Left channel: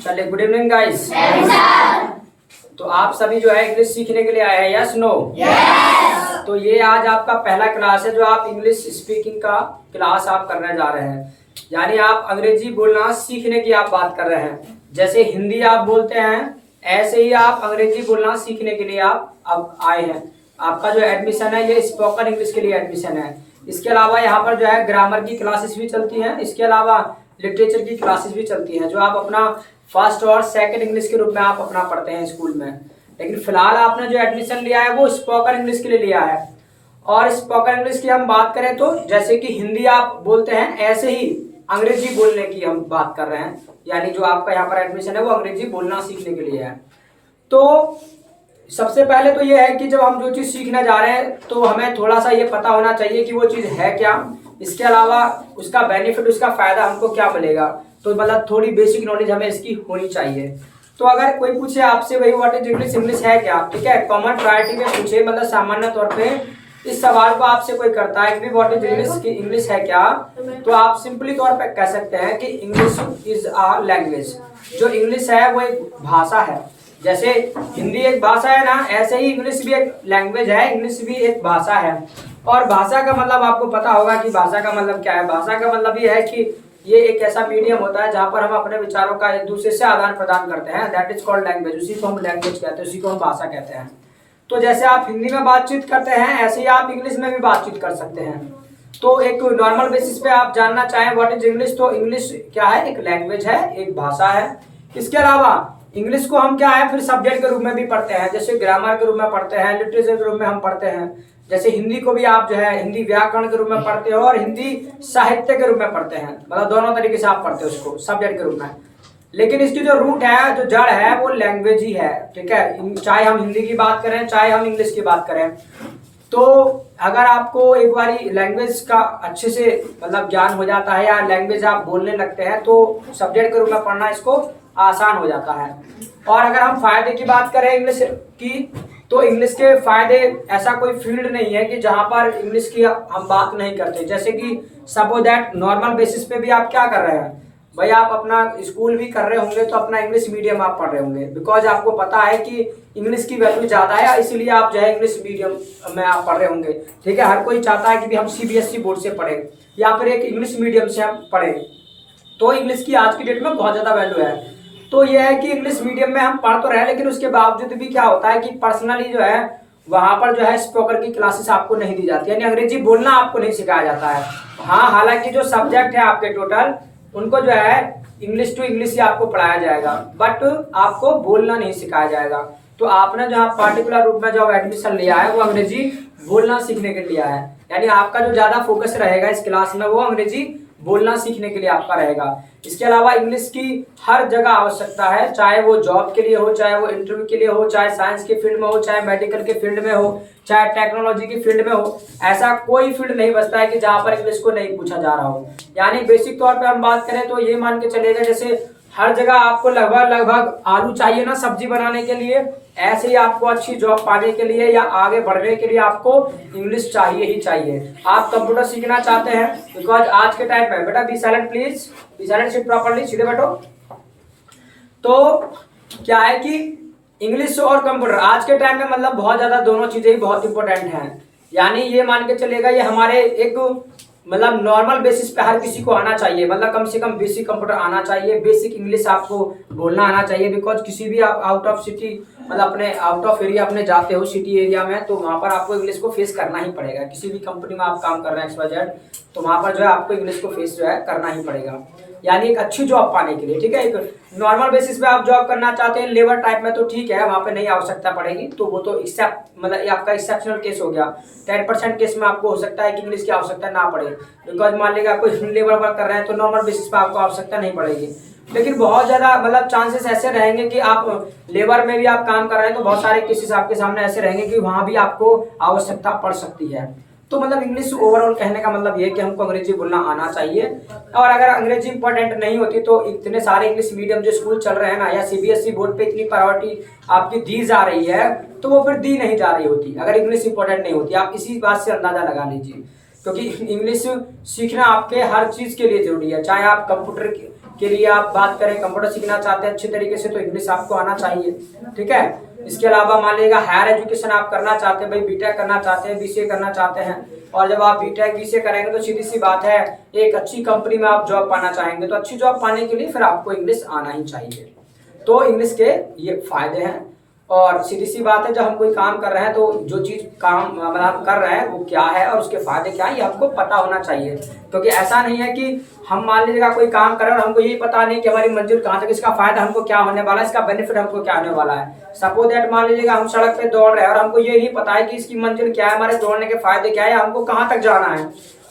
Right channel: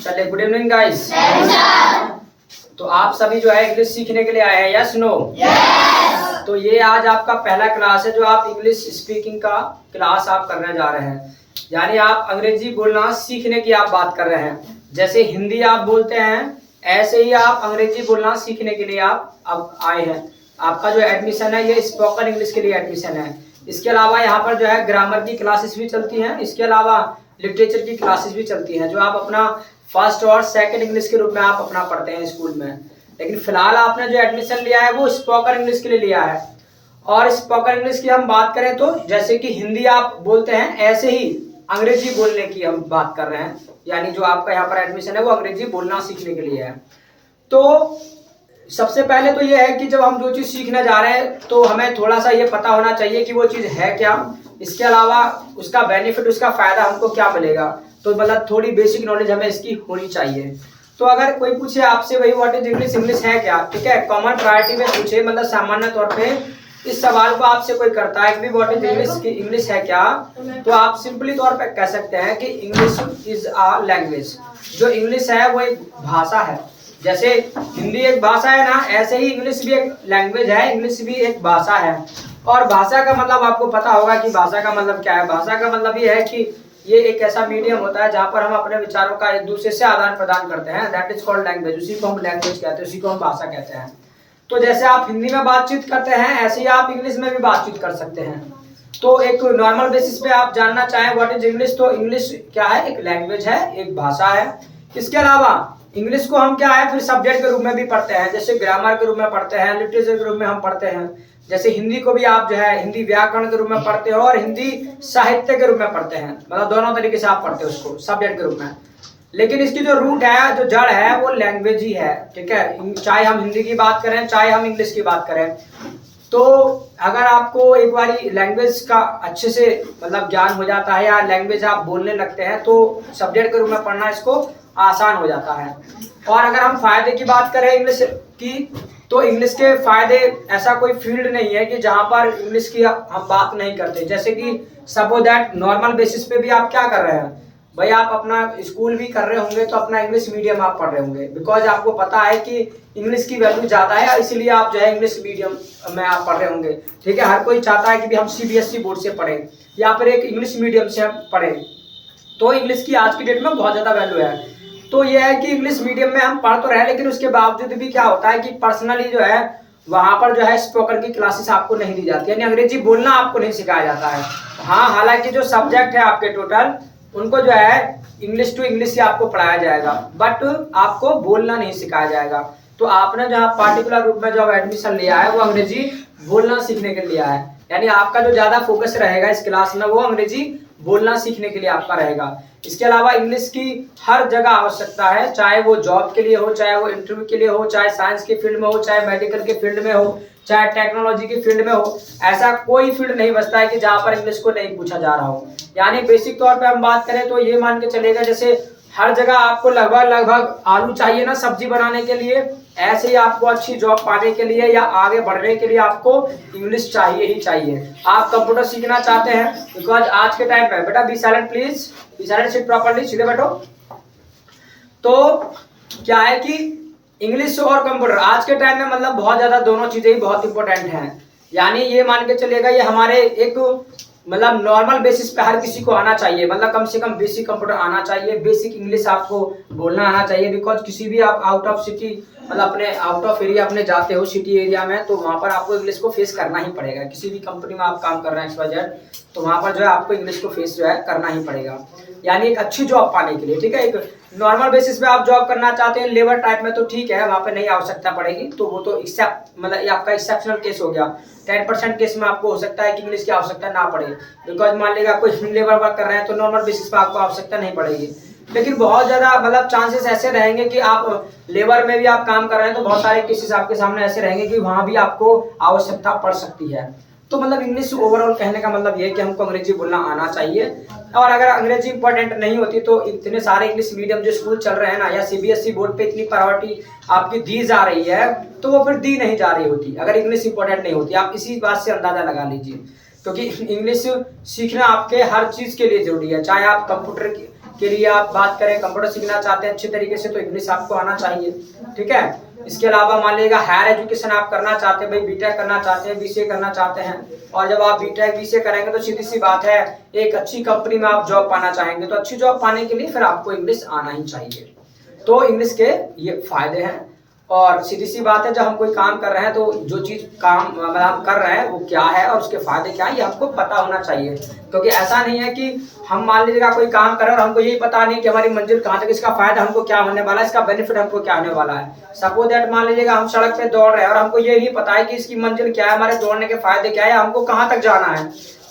चलिए, good evening guys. तो आप सभी जो है इंग्लिश सीखने के लिए आए हैं, यस नो? तो ये आज आपका पहला क्लास है जो आप इंग्लिश स्पीकिंग का क्लास आप करने जा रहे हैं। यानी आप अंग्रेजी बोलना सीखने की आप बात कर रहे हैं। जैसे हिंदी आप बोलते हैं ऐसे ही आप अंग्रेजी बोलना सीखने के लिए आप अब आए हैं। आपका जो एडमिशन है ये स्पोकन इंग्लिश के लिए एडमिशन है। इसके अलावा यहाँ पर जो है ग्रामर की क्लासेस भी चलती हैं। इसके अलावा लिटरेचर की क्लासेस भी चलती हैं जो आप अपना फर्स्ट और सेकंड इंग्लिश के रूप में आप अपना पढ़ते हैं स्कूल में। लेकिन फिलहाल आपने जो एडमिशन लिया है वो स्पोकन इंग्लिश के लिए लिया है। और स्पोकन इंग्लिश की हम बात करें तो जैसे कि हिंदी आप बोलते हैं ऐसे ही अंग्रेजी बोलने की हम बात कर रहे हैं। यानी जो आपका यहाँ पर एडमिशन है वो अंग्रेजी बोलना सीखने के लिए है। तो सबसे पहले तो ये है कि जब हम जो चीज़ सीखने जा रहे हैं तो हमें थोड़ा सा ये पता होना चाहिए कि वो चीज़ है क्या। इसके अलावा उसका बेनिफिट, उसका फ़ायदा हमको क्या मिलेगा। तो मतलब थोड़ी बेसिक नॉलेज हमें इसकी होनी चाहिए। तो अगर कोई पूछे आपसे भाई व्हाट इज इंग्लिश, इंग्लिश है क्या, ठीक है, कॉमन प्रायोरिटी में पूछे, मतलब सामान्य तौर पे इस सवाल को आपसे कोई करता है कि व्हाट इज इंग्लिश, की इंग्लिश है क्या, तो आप सिंपली तौर पे कह सकते हैं कि इंग्लिश इज अ लैंग्वेज। जो इंग्लिश है वो एक भाषा है। जैसे हिंदी एक भाषा है ना, ऐसे ही इंग्लिश भी एक लैंग्वेज है, इंग्लिश भी एक भाषा है। और भाषा का मतलब आपको पता होगा कि भाषा का मतलब क्या है। भाषा का मतलब ये है कि ये एक ऐसा मीडियम होता है जहाँ पर हम अपने विचारों का एक दूसरे से आदान प्रदान करते हैं। That is called language. उसी को हम लैंग्वेज कहते हैं, उसी को हम भाषा कहते हैं। तो जैसे आप हिंदी में बातचीत करते हैं ऐसे ही आप इंग्लिश में भी बातचीत कर सकते हैं। तो एक नॉर्मल बेसिस पे आप जानना चाहें व्हाट इज इंग्लिश, तो इंग्लिश क्या है, एक लैंग्वेज है, एक भाषा है। इसके अलावा इंग्लिश को हम क्या है फिर सब्जेक्ट के रूप में भी पढ़ते हैं। जैसे ग्रामर के रूप में पढ़ते हैं, लिटरेचर के रूप में हम पढ़ते हैं। जैसे हिंदी को भी आप जो है हिंदी व्याकरण के रूप में पढ़ते हो और हिंदी साहित्य के रूप में पढ़ते हैं। मतलब दोनों तरीके से आप पढ़ते हो उसको सब्जेक्ट के रूप में। लेकिन इसकी जो रूट है, जो जड़ है, वो लैंग्वेज ही है, ठीक है। चाहे हम हिंदी की बात करें चाहे हम इंग्लिश की बात करें। तो अगर आपको एक बारी लैंग्वेज का अच्छे से मतलब ज्ञान हो जाता है या लैंग्वेज आप बोलने लगते हैं तो सब्जेक्ट के रूप में पढ़ना इसको आसान हो जाता है। और अगर हम फायदे की बात करें इंग्लिश की, तो इंग्लिश के फायदे ऐसा कोई फील्ड नहीं है कि जहां पर इंग्लिश की हम बात नहीं करते। जैसे कि सपोज दैट नॉर्मल बेसिस पे भी आप क्या कर रहे हैं भाई, आप अपना स्कूल भी कर रहे होंगे तो अपना इंग्लिश मीडियम आप पढ़ रहे होंगे। बिकॉज आपको पता है कि इंग्लिश की वैल्यू ज़्यादा है, इसीलिए आप जो है इंग्लिश मीडियम में आप पढ़ रहे होंगे, ठीक है। हर कोई चाहता है कि भी हम CBSE बोर्ड से पढ़ें या फिर एक इंग्लिश मीडियम से हम पढ़ें। तो इंग्लिश की आज की डेट में बहुत ज़्यादा वैल्यू है। तो यह है कि इंग्लिश मीडियम में हम पढ़ तो रहे, लेकिन उसके बावजूद भी क्या होता है कि पर्सनली जो है वहाँ पर जो है स्पोकन की क्लासेस आपको नहीं दी जाती, यानी अंग्रेजी बोलना आपको नहीं सिखाया जाता है। हाँ, हालांकि जो सब्जेक्ट है आपके टोटल उनको जो है इंग्लिश टू इंग्लिश ही आपको पढ़ाया जाएगा, बट आपको बोलना नहीं सिखाया जाएगा। तो आपने जहाँ पार्टिकुलर रूप में जो एडमिशन लिया है वो अंग्रेजी बोलना सीखने के लिए लिया है। यानी आपका जो ज़्यादा फोकस रहेगा इस क्लास में वो अंग्रेजी बोलना सीखने के लिए आपका रहेगा। इसके अलावा इंग्लिश की हर जगह आवश्यकता है, चाहे वो जॉब के लिए हो, चाहे वो इंटरव्यू के लिए हो, चाहे साइंस के फील्ड में हो, चाहे मेडिकल के फील्ड में हो, चाहे टेक्नोलॉजी के फील्ड में हो। ऐसा कोई फील्ड नहीं बचता है कि जहाँ पर इंग्लिश को नहीं पूछा जा रहा हो। यानी बेसिक तौर पे हम बात करें तो ये मान के चलेगा जैसे हर जगह आपको लगभग आलू चाहिए ना सब्जी बनाने के लिए, ऐसे ही आपको अच्छी जॉब पाने के लिए या आगे बढ़ने के लिए आपको इंग्लिश चाहिए ही चाहिए। आप कंप्यूटर सीखना चाहते हैं, बिकॉज आज के टाइम पे बेटा be silent please, be silent, sit properly, सीधे बैठो। तो क्या है कि इंग्लिश और कंप्यूटर आज के टाइम में मतलब बहुत ज़्यादा दोनों चीज़ें ही बहुत इंपॉर्टेंट हैं। यानी ये मान के चलेगा ये हमारे एक मतलब नॉर्मल बेसिस पे हर किसी को आना चाहिए। मतलब कम से कम बेसिक कंप्यूटर आना चाहिए, बेसिक इंग्लिश आपको बोलना आना चाहिए। बिकॉज किसी भी आप आउट ऑफ सिटी मतलब अपने आउट ऑफ एरिया अपने जाते हो सिटी एरिया में, तो वहाँ पर आपको इंग्लिश को फेस करना ही पड़ेगा। किसी भी कंपनी में आप काम कर रहे हैं XYZ, तो वहाँ पर जो है आपको इंग्लिश को फेस जो है करना ही पड़ेगा। यानी एक अच्छी जॉब पाने के लिए, ठीक है। एक नॉर्मल बेसिस पे आप जॉब करना चाहते हैं लेबर टाइप में तो ठीक है, वहाँ पे नहीं आवश्यकता पड़ेगी। तो वो तो मतलब ये आपका एक्सेप्शनल केस हो गया। 10% केस में आपको हो सकता है कि इंग्लिश की आवश्यकता ना पड़े। बिकॉज मान लीजिए आप कोई लेबर वर्क कर रहे हैं तो नॉर्मल बेसिस पे आपको आवश्यकता नहीं पड़ेगी। लेकिन बहुत ज़्यादा मतलब चांसेस ऐसे रहेंगे कि आप लेबर में भी आप काम कर रहे हैं तो बहुत सारे केसेस आपके सामने ऐसे रहेंगे कि वहाँ भी आपको आवश्यकता पड़ सकती है। तो मतलब इंग्लिश ओवरऑल कहने का मतलब ये है कि हमको अंग्रेजी बोलना आना चाहिए। और अगर अंग्रेजी इंपॉर्टेंट नहीं होती तो इतने सारे इंग्लिश मीडियम जो स्कूल चल रहे हैं ना, या CBSE बोर्ड पे इतनी प्रायोरिटी आपकी दी जा रही है तो वो फिर दी नहीं जा रही होती अगर इंग्लिश इंपॉर्टेंट नहीं होती। आप इसी बात से अंदाजा लगा लीजिए, क्योंकि इंग्लिश सीखना आपके हर चीज़ के लिए जरूरी है। चाहे आप कंप्यूटर के लिए आप बात करें, कंप्यूटर सीखना चाहते हैं अच्छे तरीके से, तो इंग्लिश आपको आना चाहिए। ठीक है। इसके अलावा मान लीजिएगा हायर एजुकेशन आप करना चाहते हैं, भाई बीटेक करना चाहते हैं, बीसीए करना चाहते हैं, और जब आप बीटेक बीसीए करेंगे तो सीधी सी बात है एक अच्छी कंपनी में आप जॉब पाना चाहेंगे, तो अच्छी जॉब पाने के लिए फिर आपको इंग्लिश आना ही चाहिए। तो इंग्लिश के ये फायदे हैं। और सीधी सी बात है, जब हम कोई काम कर रहे हैं तो जो चीज काम मतलब हम कर रहे हैं वो क्या है और उसके फायदे क्या है ये हमको पता होना चाहिए। क्योंकि ऐसा नहीं है कि हम मान लीजिएगा कोई काम कर रहे हैं और हमको यही पता नहीं कि हमारी मंजिल कहाँ तक, इसका फायदा हमको क्या होने वाला है, इसका बेनिफिट हमको क्या होने वाला है। सपोज दैट मान लीजिएगा हम सड़क पे दौड़ रहे हैं और हमको ये नहीं पता है कि इसकी मंजिल क्या है, हमारे दौड़ने के फायदे क्या है, हमको कहाँ तक जाना है,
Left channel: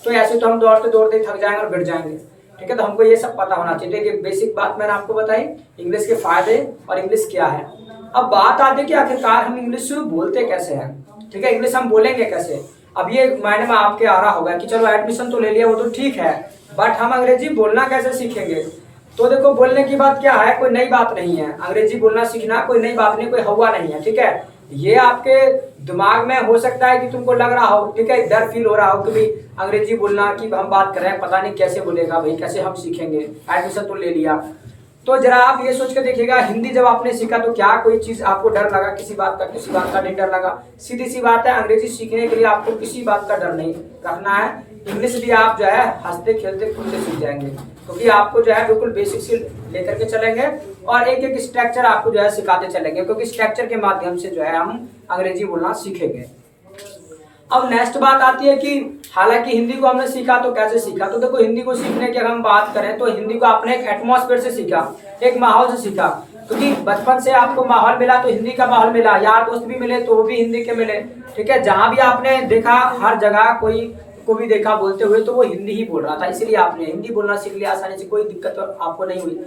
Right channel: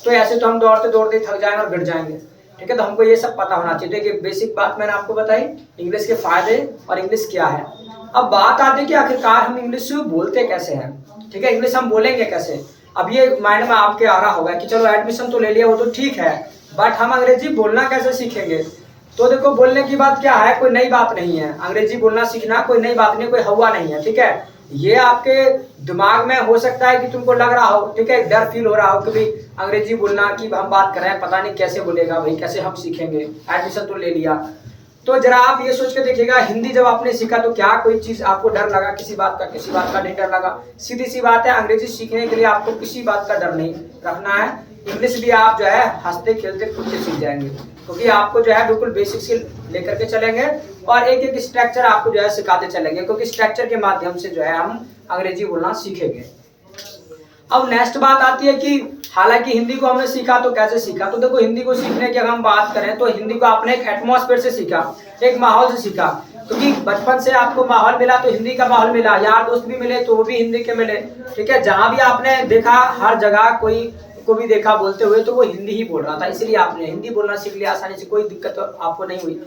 तो ऐसे तो हम दौड़ते दौड़ते थक जाएंगे और गिर जाएंगे। ठीक है। तो हमको ये सब पता होना चाहिए। देखिए बेसिक बात मैंने आपको बताई इंग्लिश के फायदे और इंग्लिश क्या है। अब बात आती है कि आखिरकार हम इंग्लिश बोलते कैसे हैं। ठीक है। इंग्लिश हम बोलेंगे कैसे। अब ये माइंड में आपके आ रहा होगा कि चलो एडमिशन तो ले लिया वो तो ठीक है, बट हम अंग्रेजी बोलना कैसे सीखेंगे। तो देखो बोलने की बात क्या है, कोई नई बात नहीं है। अंग्रेजी बोलना सीखना कोई नई बात नहीं, कोई हवा नहीं है। ठीक है। ये आपके दिमाग में हो सकता है कि तुमको लग रहा हो, ठीक है, डर फील हो रहा हो कि भाई अंग्रेजी बोलना की हम बात कर रहे हैं, पता नहीं कैसे बोलेगा भाई, कैसे हम सीखेंगे, एडमिशन तो ले लिया। तो जरा आप ये सोच के देखिएगा हिंदी जब आपने सीखा तो क्या कोई चीज आपको डर लगा, किसी बात का नहीं डर लगा। सीधी सी बात है अंग्रेजी सीखने के लिए आपको किसी बात का डर नहीं रखना है। इंग्लिश भी आप जो है हंसते खेलते कूदते सीख जाएंगे, क्योंकि आपको जो है बिल्कुल बेसिक से लेकर के चलेंगे और एक एक स्ट्रक्चर आपको जो है सिखाते चलेंगे, क्योंकि स्ट्रक्चर के माध्यम से जो है हम अंग्रेजी बोलना सीखेंगे। अब नेक्स्ट बात आती है कि हालांकि हिंदी को हमने सीखा तो कैसे सीखा। तो देखो हिंदी को सीखने की अगर हम बात करें तो हिंदी को आपने एक एटमॉस्फेयर से सीखा, एक माहौल से सीखा, क्योंकि बचपन से आपको माहौल मिला तो हिंदी का माहौल मिला, यार दोस्त भी मिले तो वो भी हिंदी के मिले। ठीक है। जहां भी आपने देखा हर जगह कोई को भी देखा बोलते हुए तो वो हिंदी ही बोल रहा था, इसलिए आपने हिंदी बोलना सीख लिया आसानी से, कोई दिक्कत तो आपको नहीं हुई।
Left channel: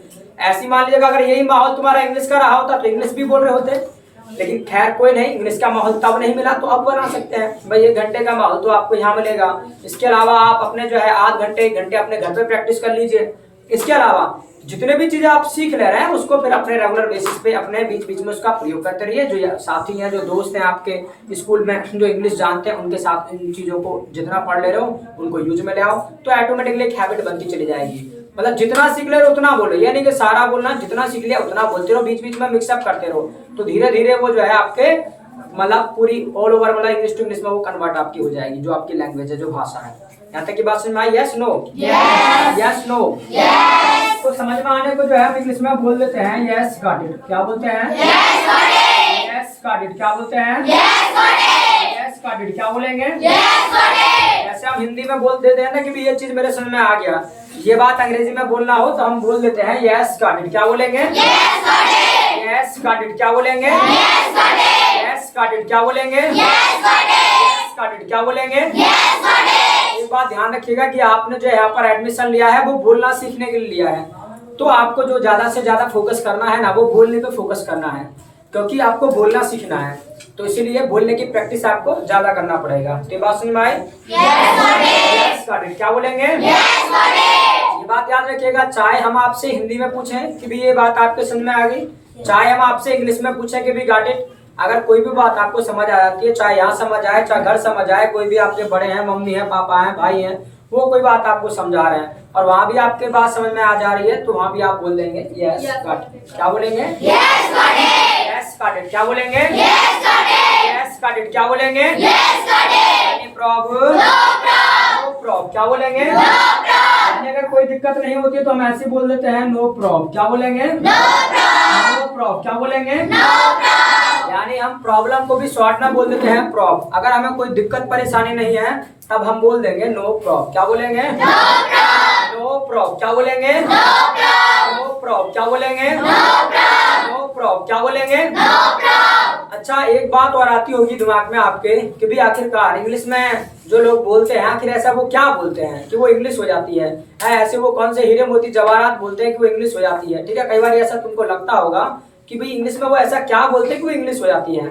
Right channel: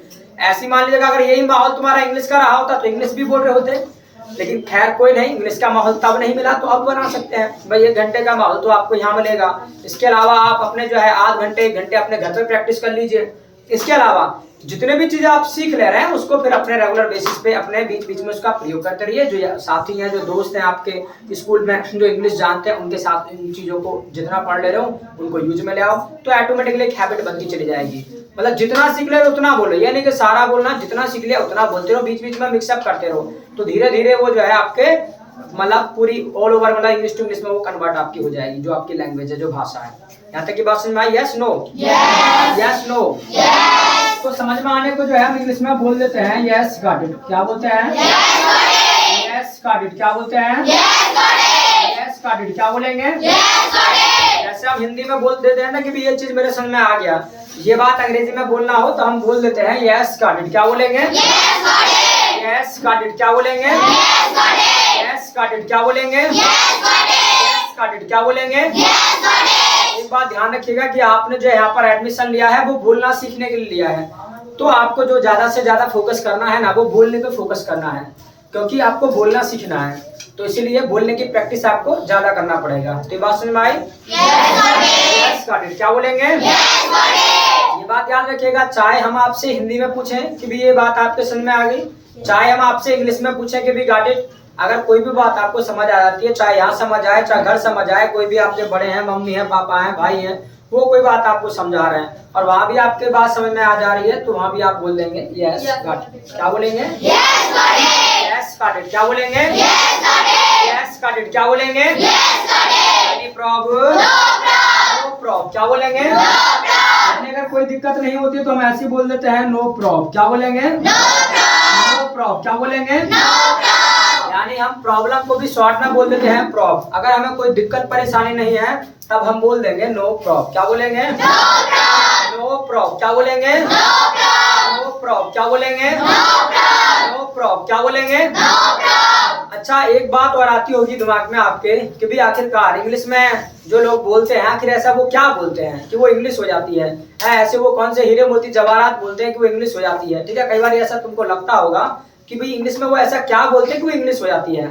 ऐसी मान लीजिएगा अगर यही माहौल तुम्हारा इंग्लिश का रहा होता तो इंग्लिश भी बोल रहे होते, लेकिन खैर कोई नहीं, इंग्लिश का माहौल तब नहीं मिला तो अब बना सकते हैं भाई। 1 घंटे का माहौल तो आपको यहाँ मिलेगा। इसके अलावा आप अपने जो है आध घंटे 1 घंटे अपने घर पे प्रैक्टिस कर लीजिए। इसके अलावा जितने भी चीजें आप सीख ले रहे हैं उसको फिर अपने रेगुलर बेसिस पे अपने बीच बीच में उसका प्रयोग करते रहिए। जो साथी हैं, जो दोस्त हैं आपके स्कूल में जो इंग्लिश जानते हैं, उनके साथ इन चीजों को जितना पढ़ ले रहे हो उनको यूज में ले आओ, तो ऑटोमेटिकली एक हैबिट बनती चली जाएगी। मतलब जितना सीख ले रहे हो उतना बोलो, यानी कि सारा बोलना, जितना सीख लिया उतना बोलते रहो, बीच बीच में मिक्सअप करते रहो, तो धीरे धीरे वो जो है आपके मतलब पूरी ऑल ओवर मतलब इंग्लिश टू इंग्लिश में वो कन्वर्ट आपकी हो जाएगी, जो आपकी लैंग्वेज है, जो भाषा है। यहाँ तक की बात समझ में आई? Yes no? Yes no? तो समझ में आने को जो है हम इंग्लिश में बोल देते हैं यस गॉट इट। क्या बोलते हैं? Yes got it. क्या बोलते हैं? Yes got it. क्या बोलेंगे? जैसे हम हिंदी में बोल देते हैं ना कि भी ये चीज मेरे समझ में आ गया, ये बात अंग्रेजी में बोलना हो तो हम बोल देते हैं यस गॉट इट। क्या बोलेंगे? Yes got it. क्या बोलेंगे? Yes got it. क्या बोलेंगे? Yes got it. क्या बोलेंगे? एक बात ध्यान रखिएगा कि आपने जो यहाँ पर एडमिशन लिया है वो बोलना सीखने के लिए लिया है, तो आपको जो ज्यादा से ज्यादा फोकस करना है ना वो बोलने पे फोकस करना है, क्योंकि आपको बोलना सीखना है, तो इसीलिए बोलने की प्रैक्टिस आपको ज्यादा करना पड़ेगा। तो ये बात समझ में आई? Yes got it. क्या बोलेंगे? ये बात याद रखिएगा, चाहे हम आपसे हिंदी में पूछें कि भी ये बात आपके समझ में आ गई, चाहे हम आपसे इंग्लिश में पूछें कि भी गॉट इट, अगर कोई भी बात आपको समझ आ जाती है, चाहे यहाँ समझ आए चाहे घर समझ आए, कोई भी आपके बड़े हैं, मम्मी है, पापा हैं, भाई हैं, वो कोई बात आपको समझा रहे हैं और वहाँ भी आपके बात समझ में आ जा रही है, तो वहाँ भी आप बोल देंगे यस गॉट इट। क्या बोलेंगे? Yes got it. क्या बोलेंगे? Yes got it. क्या बोलेंगे? Any problem? No problem. क्या बोलेंगे? यानी अगर कोई दिक्कत नहीं होती है तो हम ऐसे बोल देते हैं नो प्रॉब्लम। क्या बोलेंगे? No problem. क्या बोलेंगे? यानी हम प्रॉब्लम को भी शॉर्ट में बोल देते हैं प्रॉब्लम। अगर हमें कोई दिक्कत परेशानी नहीं है तब हम बोल देंगे नो प्रॉब्लम। क्या बोलेंगे? No problem. क्या बोलेंगे? No problem. क्या बोलेंगे? No problem. क्या बोलेंगे? अच्छा एक बात और आती होगी दिमाग में आपके कि भी आखिरकार इंग्लिश में जो लोग बोलते हैं आखिर ऐसा वो क्या बोलते हैं कि वो इंग्लिश हो जाती है, ऐसे वो कौन से हीरे मोती जवाहरात बोलते हैं कि वो इंग्लिश हो जाती है। ठीक है। कई बार ऐसा तुमको लगता होगा कि भाई इंग्लिश में वो ऐसा क्या बोलते हैं कि वो इंग्लिश हो जाती है।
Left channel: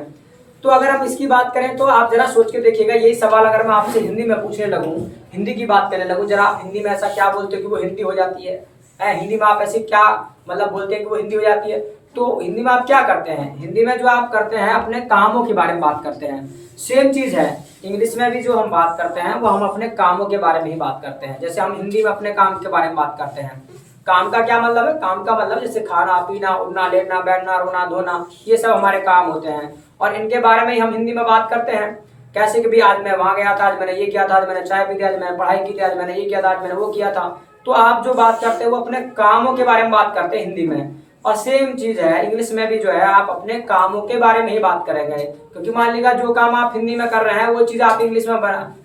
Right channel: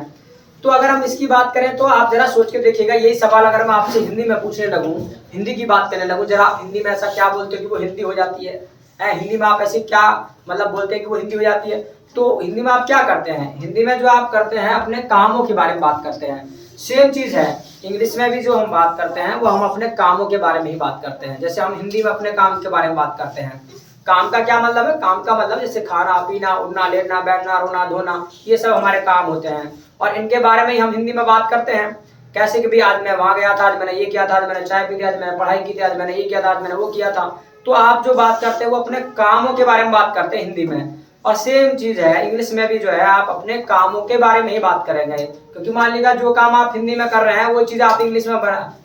तो अगर हम इसकी बात करें तो आप जरा सोच के देखिएगा, यही सवाल अगर मैं आपसे हिंदी में पूछने लगूं, हिंदी की बात करने लगूं, जरा आप हिंदी में ऐसा क्या बोलते हो कि वो हिंदी हो जाती है, हिंदी में आप ऐसे क्या मतलब बोलते हैं कि वो हिंदी हो जाती है। तो हिंदी में आप क्या करते हैं? हिंदी में जो आप करते हैं अपने कामों के बारे में बात करते हैं। सेम चीज है इंग्लिश में भी, जो हम बात करते हैं वो हम अपने कामों के बारे में ही बात करते हैं। जैसे हम हिंदी में अपने काम के बारे में बात करते हैं, काम का क्या मतलब है? काम का मतलब जैसे खाना पीना, उठना लेटना, बैठना, रोना धोना, ये सब हमारे काम होते हैं और इनके बारे में ही हम हिंदी में बात करते हैं। कैसे कि भी आज मैं वहां गया था, आज मैंने ये किया था, आज मैंने चाय पी ली, आज मैंने पढ़ाई की थी, आज मैंने ये किया था, आज मैंने वो किया था। तो आप जो बात करते हैं वो अपने कामों के बारे में बात करते हैं हिंदी में, और सेम चीज है इंग्लिश में भी जो है आप अपने कामों के बारे में ही बात करेंगे। क्योंकि मान लीजिए जो काम आप हिंदी में कर रहे हैं वो चीज आप इंग्लिश में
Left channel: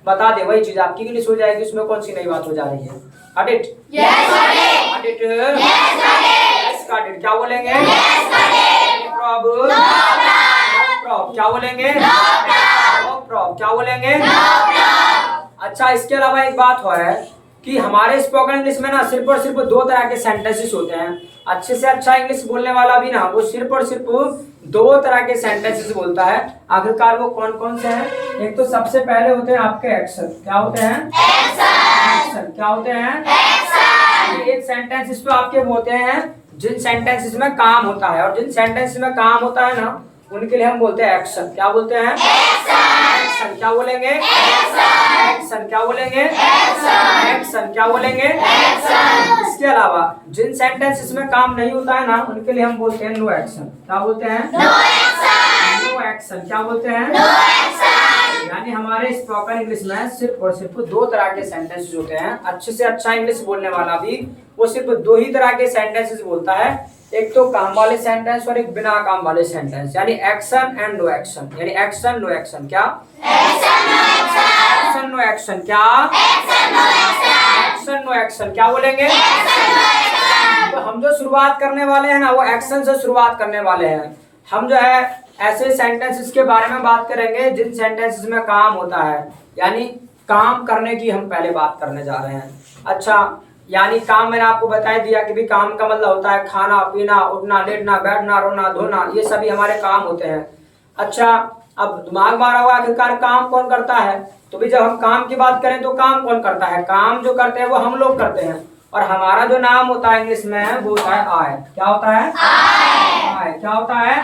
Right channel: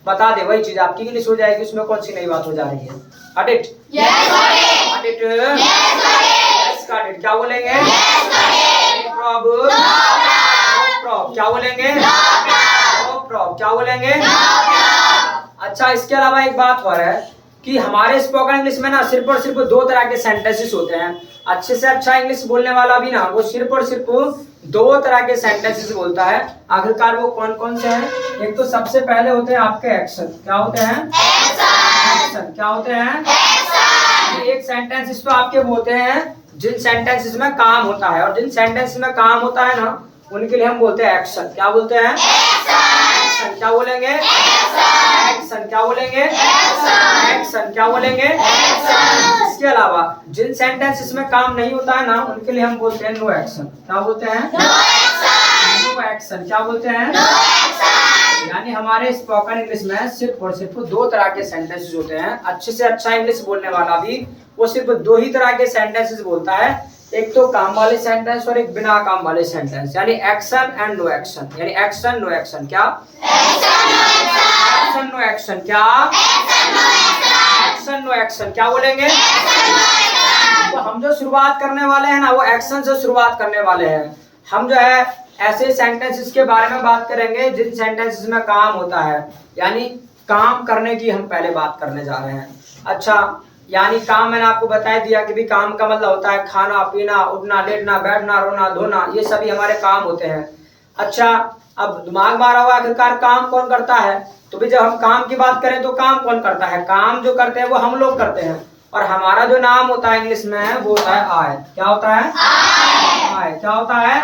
बता दे, वही चीज आपकी इंग्लिश हो जाएगी, उसमें कौन सी नई बात हो जा रही है? Got it? Yes, got it. Got it? Yes, got it. Yes, got it. क्या बोलेंगे? Yes, got it. No problem. No problem. क्या बोलेंगे? No problem. No problem. क्या बोलेंगे? No problem. अच्छा, इसके अलावा एक बात और है कि हमारे स्पोकन इंग्लिश में ना सिर्फ और सिर्फ दो तरह के सेंटेंसेस होते हैं। अच्छे से अच्छा इंग्लिश बोलने वाला भी ना वो सिर्फ और सिर्फ दो तरह के सेंटेंसेस बोलता है। आखिरकार वो कौन कौन से हैं? एक तो सबसे पहले होते हैं आपके एक्शन। क्या होते हैं? एक्शन। क्या होते हैं? एक्शन। एक सेंटेंसेस तो आपके होते हैं जिन सेंटेंसेस में काम होता है, और जिन सेंटेंसेस में काम होता है ना उनके लिए हम बोलते हैं एक्शन। क्या बोलते हैं? एक्शन। क्या बोलेंगे? एक्शन। क्या बोलेंगे? एक्शन। क्या बोलेंगे? इसके अलावा जिन सेंटेंसेस में काम नहीं होता है ना उनके लिए हम बोलते हैं नो एक्शन। क्या बोलते हैं? No action. क्या बोलते हैं? यानी हमारे स्पोकन इंग्लिश में सिर्फ और सिर्फ दो तरह के सेंटेंसेस होते हैं। अच्छे से अच्छा इंग्लिश बोलने वाला भी वो सिर्फ दो ही तरह के सेंटेंसेस बोलता है, एक तो काम वाले सेंटेंस और एक बिना काम वाले सेंटेंस, यानी एक्शन एंड नो एक्शन। यानी एक्शन नो एक्शन। क्या? Action no action. क्या? Action no action. क्या बोलेंगे? तो हम जो शुरुआत करने वाले हैं ना वो एक्शन से शुरुआत करने वाले हैं। हम जो है ऐसे सेंटेंसेस के बारे में बात करेंगे जिन सेंटेंसेस में काम होता है, यानी काम करने की हम पहले बात करने जा रहे हैं। अच्छा, यानी काम मैंने आपको बता दिया कि भी काम का मतलब होता है खाना पीना, उठना लेटना, बैठना, रोना धोना, ये सभी हमारे काम होते हैं। अच्छा, अब दिमाग मारा हुआ आखिरकार काम कौन करता है? तो भी जब हम काम की बात करें तो काम कौन करता है? काम जो करते हैं वो हम लोग करते हैं, और हमारा जो नाम होता है इंग्लिश में वो होता है आई। क्या होता है? आई। क्या होता है?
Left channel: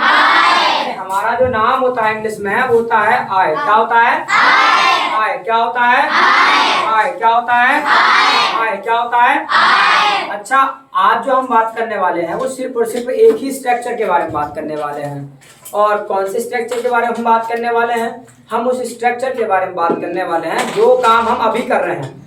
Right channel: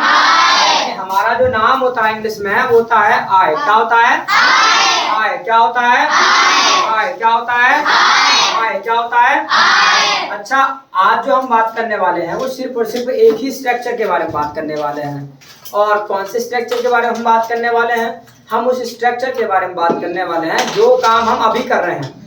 हमारा जो नाम होता है इंग्लिश में वो होता है आई। क्या होता है? आई। क्या होता है? आई। क्या होता है? आई। क्या होता है? अच्छा, आज जो हम बात करने वाले हैं वो सिर्फ और सिर्फ एक ही स्ट्रक्चर के बारे में बात करने वाले हैं। और कौन से स्ट्रक्चर के बारे में हम बात करने वाले हैं? हम उस स्ट्रक्चर के बारे में बात करने वाले हैं जो काम हम अभी कर रहे हैं।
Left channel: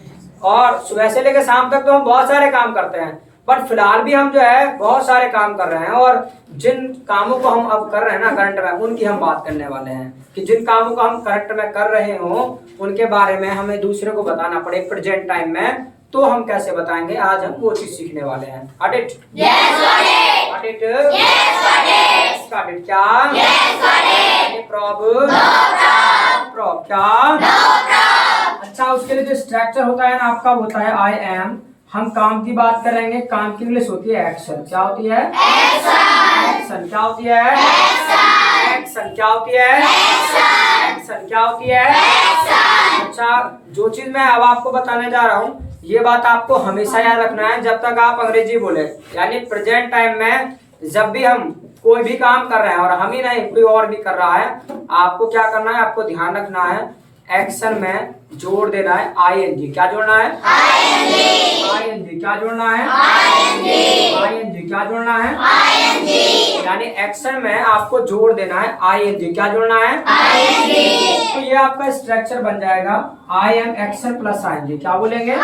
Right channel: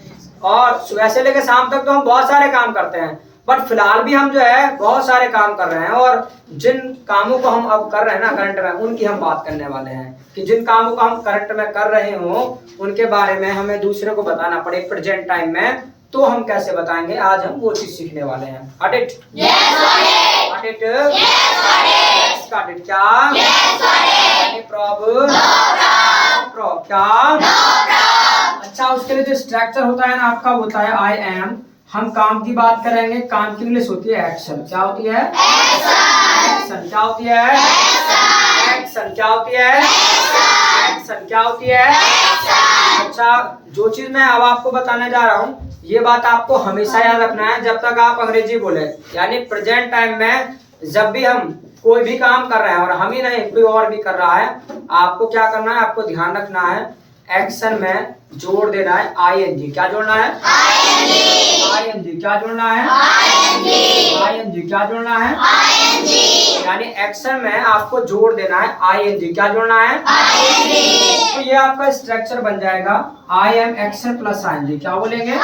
और सुबह से लेकर शाम तक तो हम बहुत सारे काम करते हैं, बट फिलहाल भी हम जो है बहुत सारे काम कर रहे हैं, और जिन कामों को हम अब कर रहे हैं ना करंट में, उनकी हम बात करने वाले हैं कि जिन कामों को हम करंट में कर रहे हो उनके बारे में हमें दूसरे को बताना पड़े प्रेजेंट टाइम में, तो हम कैसे बताएंगे? आज हम वो चीज सीखने वाले हैं। Got it? Yes, got it. Got it? Yes, got it. Yes, got it. क्या? Yes, got it. Any problem? No problem. क्या? No problem. अच्छा, उसके लिए जो स्ट्रक्चर होता है ना आपका होता है आई एम। हम काम की बात करेंगे, काम की इंग्लिश होती है एक्शन। क्या होती है? एक्शन। क्या होती है? एक्शन। क्या होती है? एक्शन। क्या होती है? अच्छा, जो चीज मैं अब आपको बताने जा रहा हूँ ये बात आपको हमेशा याद रखना है जब तक आप अंग्रेजी बोले। यानी प्रेजेंट टाइम में जब भी हम कोई भी काम कर रहे हैं, और हम ही नहीं कोई और भी कर रहा है, आपको क्या करना है? आपको ध्यान रखना है एक्शन में जोड़ देना है आईएनजी। क्या जोड़ना है? आईएनजी। क्या जोड़ना है? आईएनजी। क्या जोड़ना है? यानी एक्शन में आपको जोड़ देना है आईएनजी। क्या जोड़ना है? तो ये आपका स्ट्रक्चर बन जाएगा I am action plus ING. क्या बोलेंगे? I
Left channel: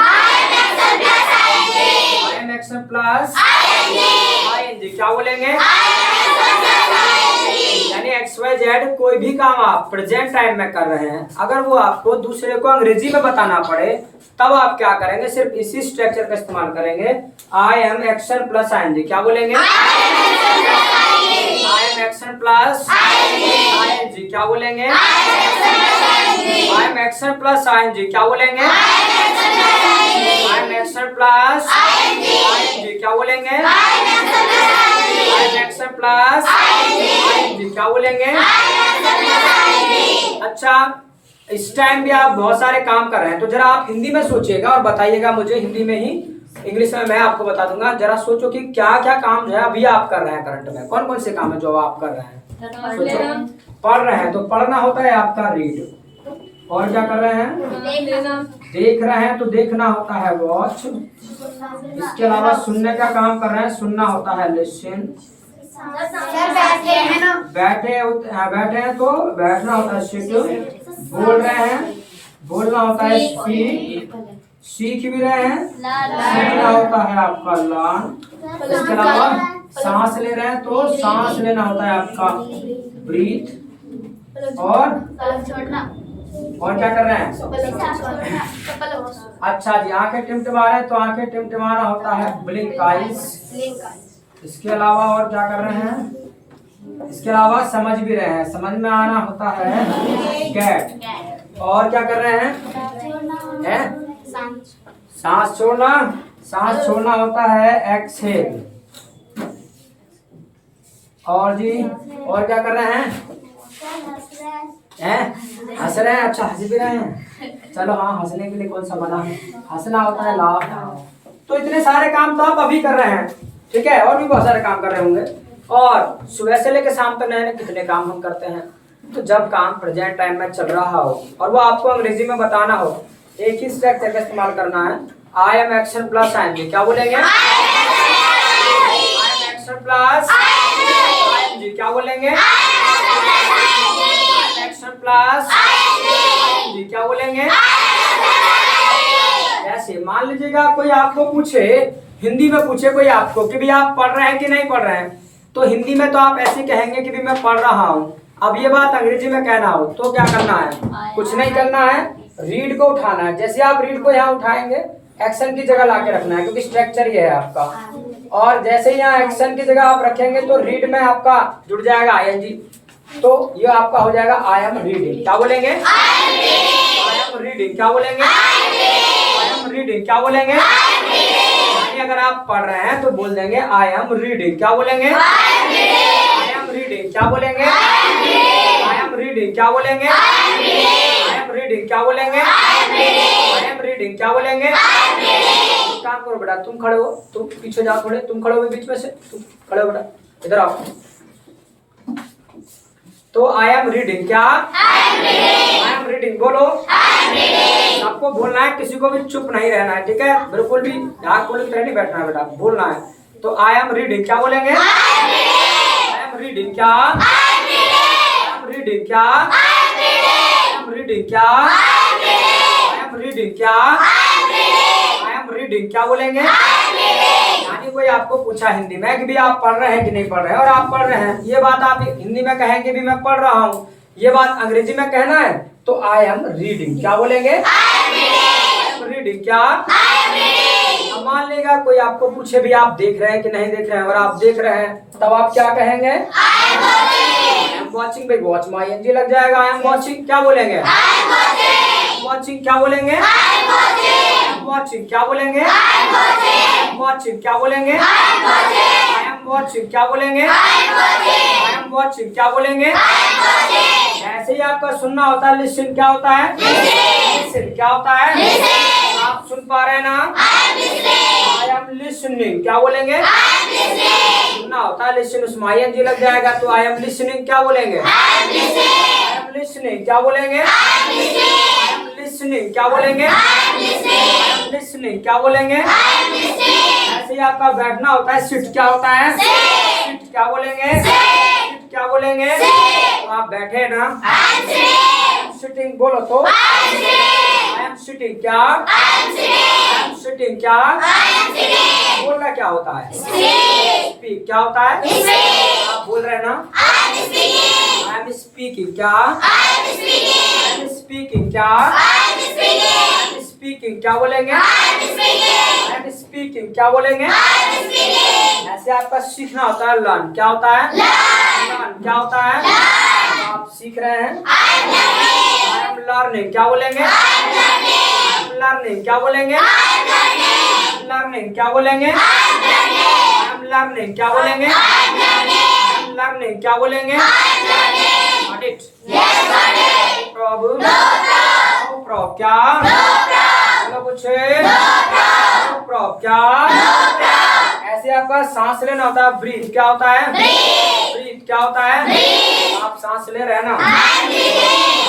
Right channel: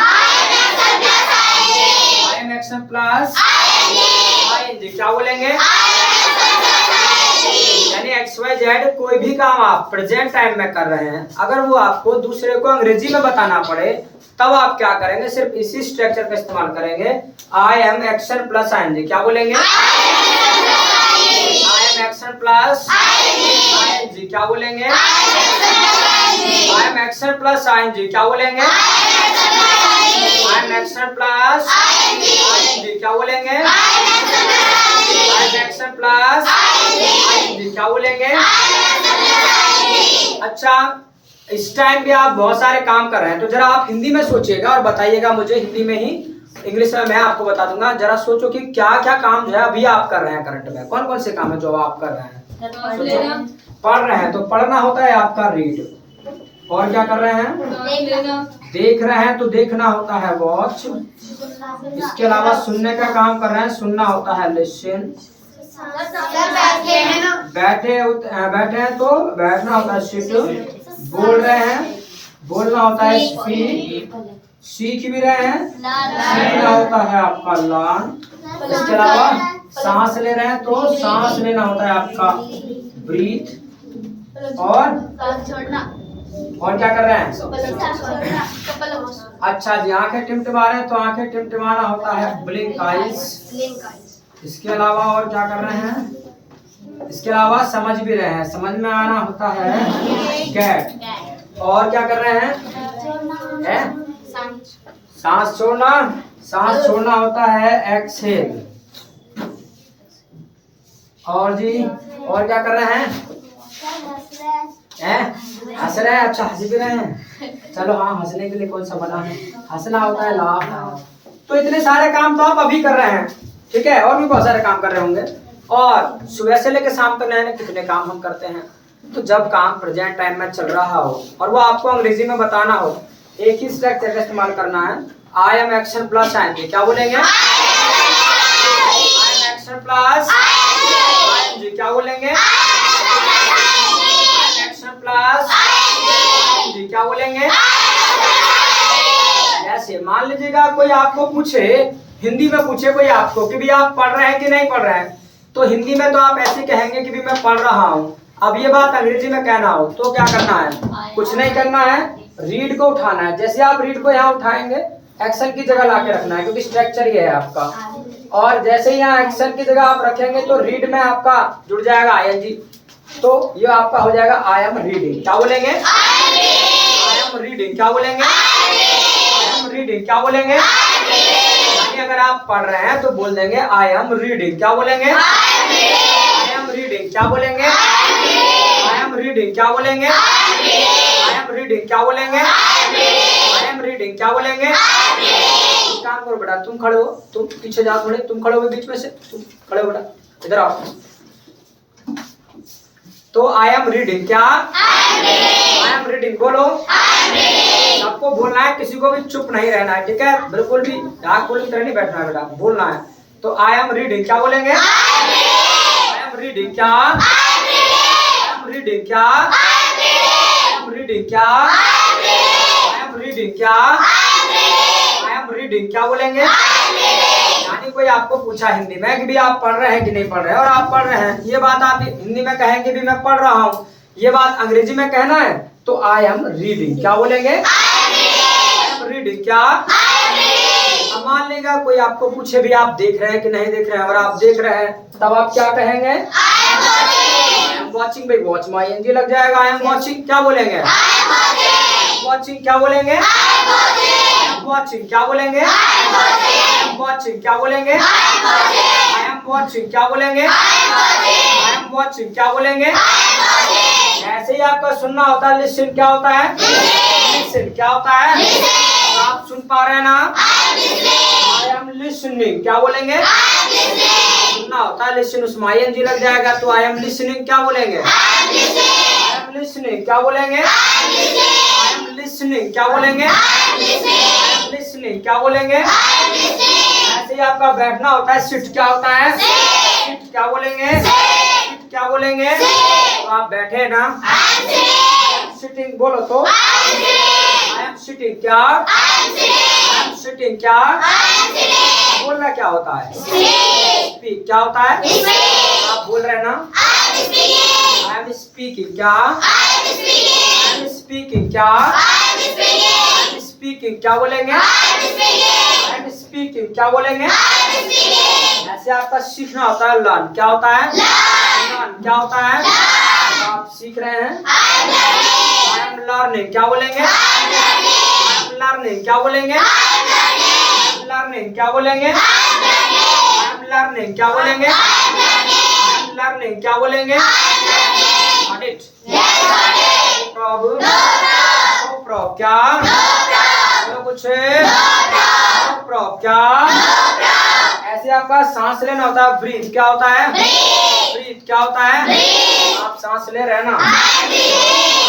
am action plus ING. क्या बोलेंगे? यानी एक्स वाई जेड कोई भी काम आप प्रेजेंट टाइम में कर रहे हैं, अगर वो आपको दूसरे को अंग्रेजी में बताना पड़े तब आप क्या करेंगे? सिर्फ इसी स्ट्रक्चर का इस्तेमाल करेंगे, I am action plus ING. क्या बोलेंगे? I am action plus ING. क्या बोलेंगे? I am action plus ING. क्या बोलेंगे? I am action plus ING. क्या बोलेंगे? एक्शन प्लस क्या बोलेंगे? अच्छा, इस टाइम भी आप बहुत सारे काम कर रहे हैं, तो जरा आप हिंदी में सोचिएगा और बताइएगा मुझे हिंदी में ही। इंग्लिश में मैं आपको बता दूंगा। जरा सोचो कि क्या क्या काम जो है अभी आप कर रहे हैं करंट में, कौन कौन से काम है जो आप कर रहे हैं? सोचो। पढ़ रहे हैं तो पढ़ना होता है आपका रीड, और क्या कर रहे हैं? देख रहे हैं तो देखना होता है वॉच। इसके अलावा सुनने का काम कर रहे हैं, सुनना होता है लिसन। बैठे हैं तो बैठना होता है सिट। बोल रहे हैं, बोलना होता है स्पीक। सीख भी रहे हैं, सीखना होता है आपका लर्न। इसके अलावा सांस ले रहे हैं तो सांस लेना होता है आपका ब्रीथ। और क्या कर रहे हैं? अच्छा जी, आंखें टिमटिमा रहे हैं तो आंखें टिमटिमाना होता है ब्लिंक आइज। इसके अलावा और क्या कर रहे हैं? इसके अलावा समझ भी रहे हैं, समझ में आना होता है गेट। और क्या कर रहे हैं? सांस छोड़ना, सांस छोड़ना होता है एक्सहेल। और जी, और क्या कर रहे हैं? हंस रहे हैं। अच्छा, हंस भी रहे हैं। चलो हाँ, हंसने के लिए कौन सा बना है? हंसना होता है लाफ। तो इतने सारे काम तो आप अभी कर रहे हैं, ठीक है? और भी बहुत सारे काम कर रहे होंगे। और सुबह से लेकर शाम तक नए नए कितने काम हम करते हैं। तो जब काम प्रेजेंट टाइम में चल रहा हो और वो आपको अंग्रेजी में बताना हो, एक ही स्ट्रक्चर का इस्तेमाल करना है। आई एम एक्शन प्लस ING। क्या बोलेंगे? I am action plus ING। क्या बोलेंगे? Action plus ING। क्या बोलेंगे? ऐसे मान लीजिएगा कोई आपको पूछे, हिंदी में पूछे कोई आपको कि भी आप पढ़ रहे हैं कि नहीं पढ़ रहे हैं, तो हिंदी में तो आप ऐसे कहेंगे कि भी मैं पढ़ रहा हूँ। अब ये बात अंग्रेजी में कहना हो तो क्या करना है? कुछ नहीं करना है, रीड को उठाना है। जैसे आप रीड को यहाँ उठाएंगे, एक्शन की जगह लाके रखना है, क्योंकि स्ट्रक्चर ये है आपका। और जैसे ही यहाँ एक्शन की जगह आप रखेंगे तो रीड में आपका जुड़ जाएगा ING। तो ये आपका हो जाएगा आई एम रीडिंग। क्या बोलेंगे? I am reading. क्या बोलेंगे? I am reading. क्या बोलेंगे? यानी अगर आप पढ़ रहे हैं तो बोल देंगे आई एम रीडिंग। क्या बोलेंगे? I am reading. क्या बोलेंगे? I am reading. क्या बोलेंगे? I am reading. क्या बोलेंगे? I am reading. क्या बोलेंगे? काम करो बेटा, तुम खड़े हो, तुम पीछे जाओ थोड़े, तुम खड़े हो बीच में से, तुम खड़े हो बेटा, इधर आओ। तो आई एम रीडिंग। क्या? I am reading. बोलो। सबको बोलना है, किसी को भी चुप नहीं रहना है, ठीक है? बिल्कुल भी ढाक खोल की तरह नहीं बैठना है बेटा, बोलना है। तो आई एम रीडिंग। क्या बोलेंगे? I am reading. क्या? I am reading. क्या? I am reading. क्या? I am reading. क्या? I am reading. क्या बोलेंगे? यानी कोई आपको पूछा हिंदी में कि भी आप पढ़ रहे हैं कि नहीं पढ़ रहे हैं, और आप पढ़ रहे हैं, ये बात आप हिंदी में कहेंगे भी मैं पढ़ रहा हूँ, ये बात अंग्रेजी में कहना है तो आई एम रीडिंग। क्या बोलेंगे? I am reading. क्या? अब मान लेगा कोई आपको पूछे भी आप देख रहे हैं कि नहीं देख रहे हैं, और आप देख रहे हैं, तब आप क्या कहेंगे? I am watching. भाई वॉच में ING लग जाएगा। I am watching. क्या बोलेंगे? वॉचिंग। क्या बोलेंगे? वॉचिंग। क्या बोलेंगे? वॉचिंग। क्या बोलेंगे? I am watching. क्या बोलेंगे? I am watching. क्या बोलेंगे? ऐसे ही आपका सुनना होता है लिसन। क्या होता है? लिसन। क्या होता है? आप सुन पा रहे हैं ना? I am listening. क्या बोलेंगे? सुनना होता है लिसन, उसमें ING लग जाएगा तो आई एम लिसनिंग। क्या बोलेंगे? I am listening. क्या बोलेंगे? I am listening. क्या बोलेंगे? I am listening. क्या बोलेंगे? ऐसे ही आपका बैठना होता है सिट। क्या होता है? सिट। क्या बोलेंगे? सिट। क्या बोलेंगे? तो आप बैठे ना, सिटिंग बोलो तो आई एम सिटिंग। क्या? I am sitting. क्या? बोलना क्या होता है? स्पीक। क्या होता है? आप बोल रहे हैं ना, आई एम स्पीकिंग। क्या? I am speaking. क्या? I am speaking. क्या बोलेंगे? I am speaking. क्या बोलेंगे? ऐसे आपका सीखना होता है लर्न। क्या होता है? लर्न। क्या होता है? तो आप सीख रहे हैं, आई एम लर्निंग। क्या बोलेंगे? I am learning. क्या बोलेंगे? I am learning. क्या बोलेंगे? I am learning. क्या बोलेंगे? I am learning. क्या बोलेंगे? Got it? No problem? No problem. क्या? बोलो कुछ? No problem. क्या? ऐसे आपका सांस लेना होता है ब्रीथ। क्या होता है? ब्रीथ। क्या होता है? आप सांस ले रहे हैं ना, आई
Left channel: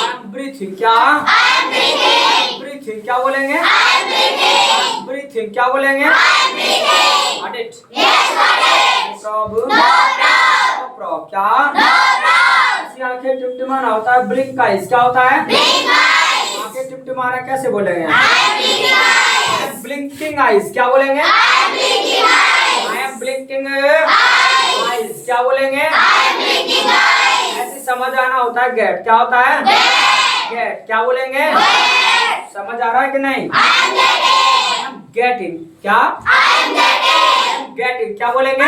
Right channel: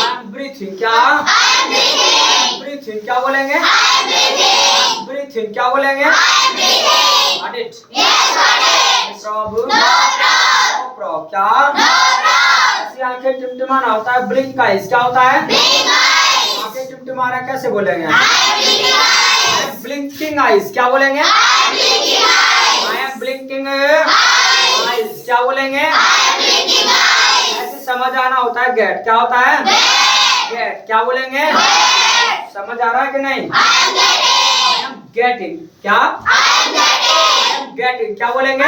एम ब्रीथिंग। क्या? I M breathing. ब्रीथिंग क्या बोलेंगे? ब्रीथिंग क्या बोलेंगे? Got it? प्रॉब क्या? ऐसी आंखें टिमटिमाना होता है, ब्लिंक आइज क्या होता है? आंखें टिमटिमाना कैसे बोलेंगे? आई एम ब्लिंकिंग आइज क्या बोलेंगे? आई एम ब्लिंकिंग आइज क्या बोलेंगे? ऐसे समझ आना होता है, गेट क्या होता है? गेट क्या बोलेंगे? समझ आ रहा है कि नहीं? गेटिंग क्या? गेटिंग क्या बोलेंगे?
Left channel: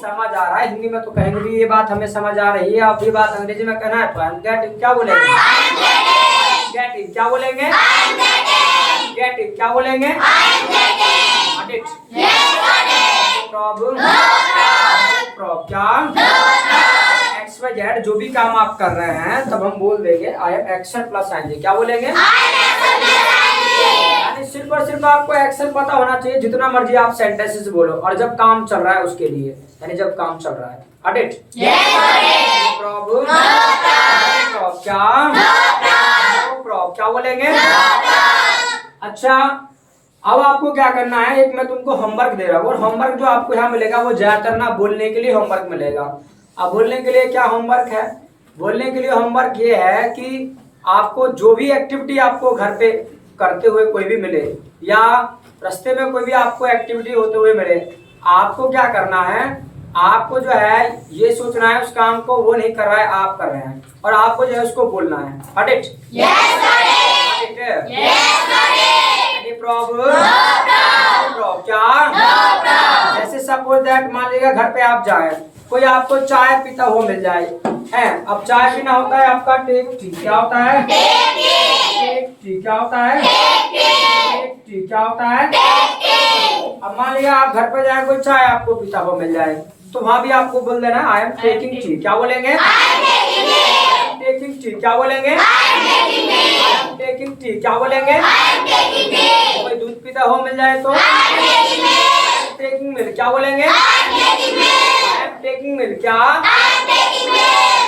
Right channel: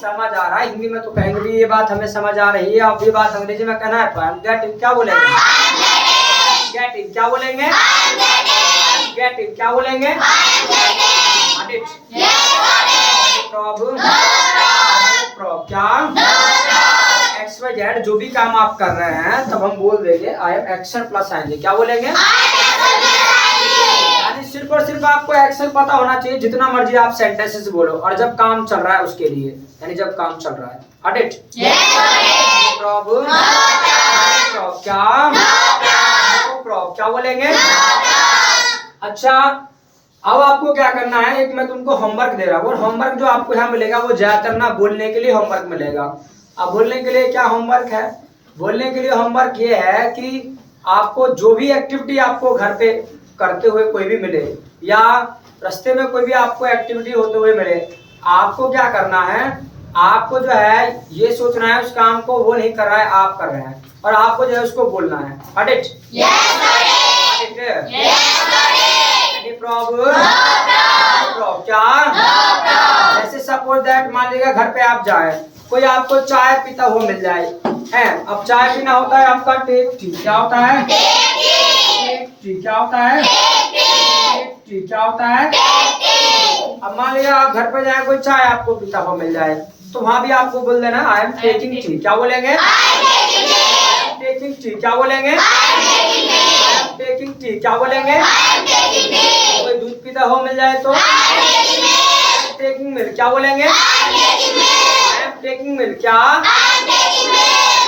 समझ आ रहा है। हिंदी में तो कहेंगे भी ये बात हमें समझ आ रही है, अब ये बात अंग्रेजी में कहना है तो आई एम गेटिंग क्या बोलेंगे? गेटिंग क्या बोलेंगे? गेटिंग क्या बोलेंगे? प्रॉब क्या? एक्स वाई जेड जो भी काम आप कर रहे हैं तब हम बोल देंगे आई एम एक्शन प्लस आएंगे क्या बोलेंगे? यानी सिर्फ और सिर्फ आपको एक्शन पता होना चाहिए, जितना मर्जी आप सेंटेंसेस बोलो, और जब काम चल रहा है उसके लिए, यानी जब काम चल रहा है। Got it? प्रॉब क्या? प्रॉब क्या बोलेंगे? अच्छा, अब आपको क्या करना है, एक मैं तुमको होमवर्क दे रहा हूँ, और होमवर्क जो आपको यहाँ मिलेगा वो ज्यादातर ना बोलने के लिए होमवर्क मिलेगा। अब बोलने के लिए क्या होमवर्क है? बोलने के लिए होमवर्क ये है कि आपको जो भी एक्टिविटी आपको घर पे करते हुए कोई भी मिले, या रास्ते में कोई भी आपको एक्टिविटी होते हुए मिले, आपको क्या करना है, आपको जो है ये सोचना है उस काम को वो नहीं कर रहा है, आप कर रहे हैं, और आपको जो है उसको बोलना है। Got it? प्रॉब क्या? जैसे सपोज दैट मान लीजिए घर पे आप जाए, कोई आपको चाय पीता हुआ मिल जाए है, अब चाय पीना होता है आपका टेक टी क्या होता है? टेक टी क्या होता है? टेक टी क्या होता है? अब मान लीजिए आप घर पे जाए, कोई चाय आपको पीता हुआ मिल जाए, तो वहां भी आपको बोल देना आई एम टेकिंग टी क्या बोलेंगे? टेकिंग टी क्या बोलेंगे? टेकिंग टी क्या बोलेंगे? कोई दूध पीता हुआ मिल जाए तो टेकिंग मिल्क क्या बोलेंगे? आई एम टेकिंग मिल्क क्या?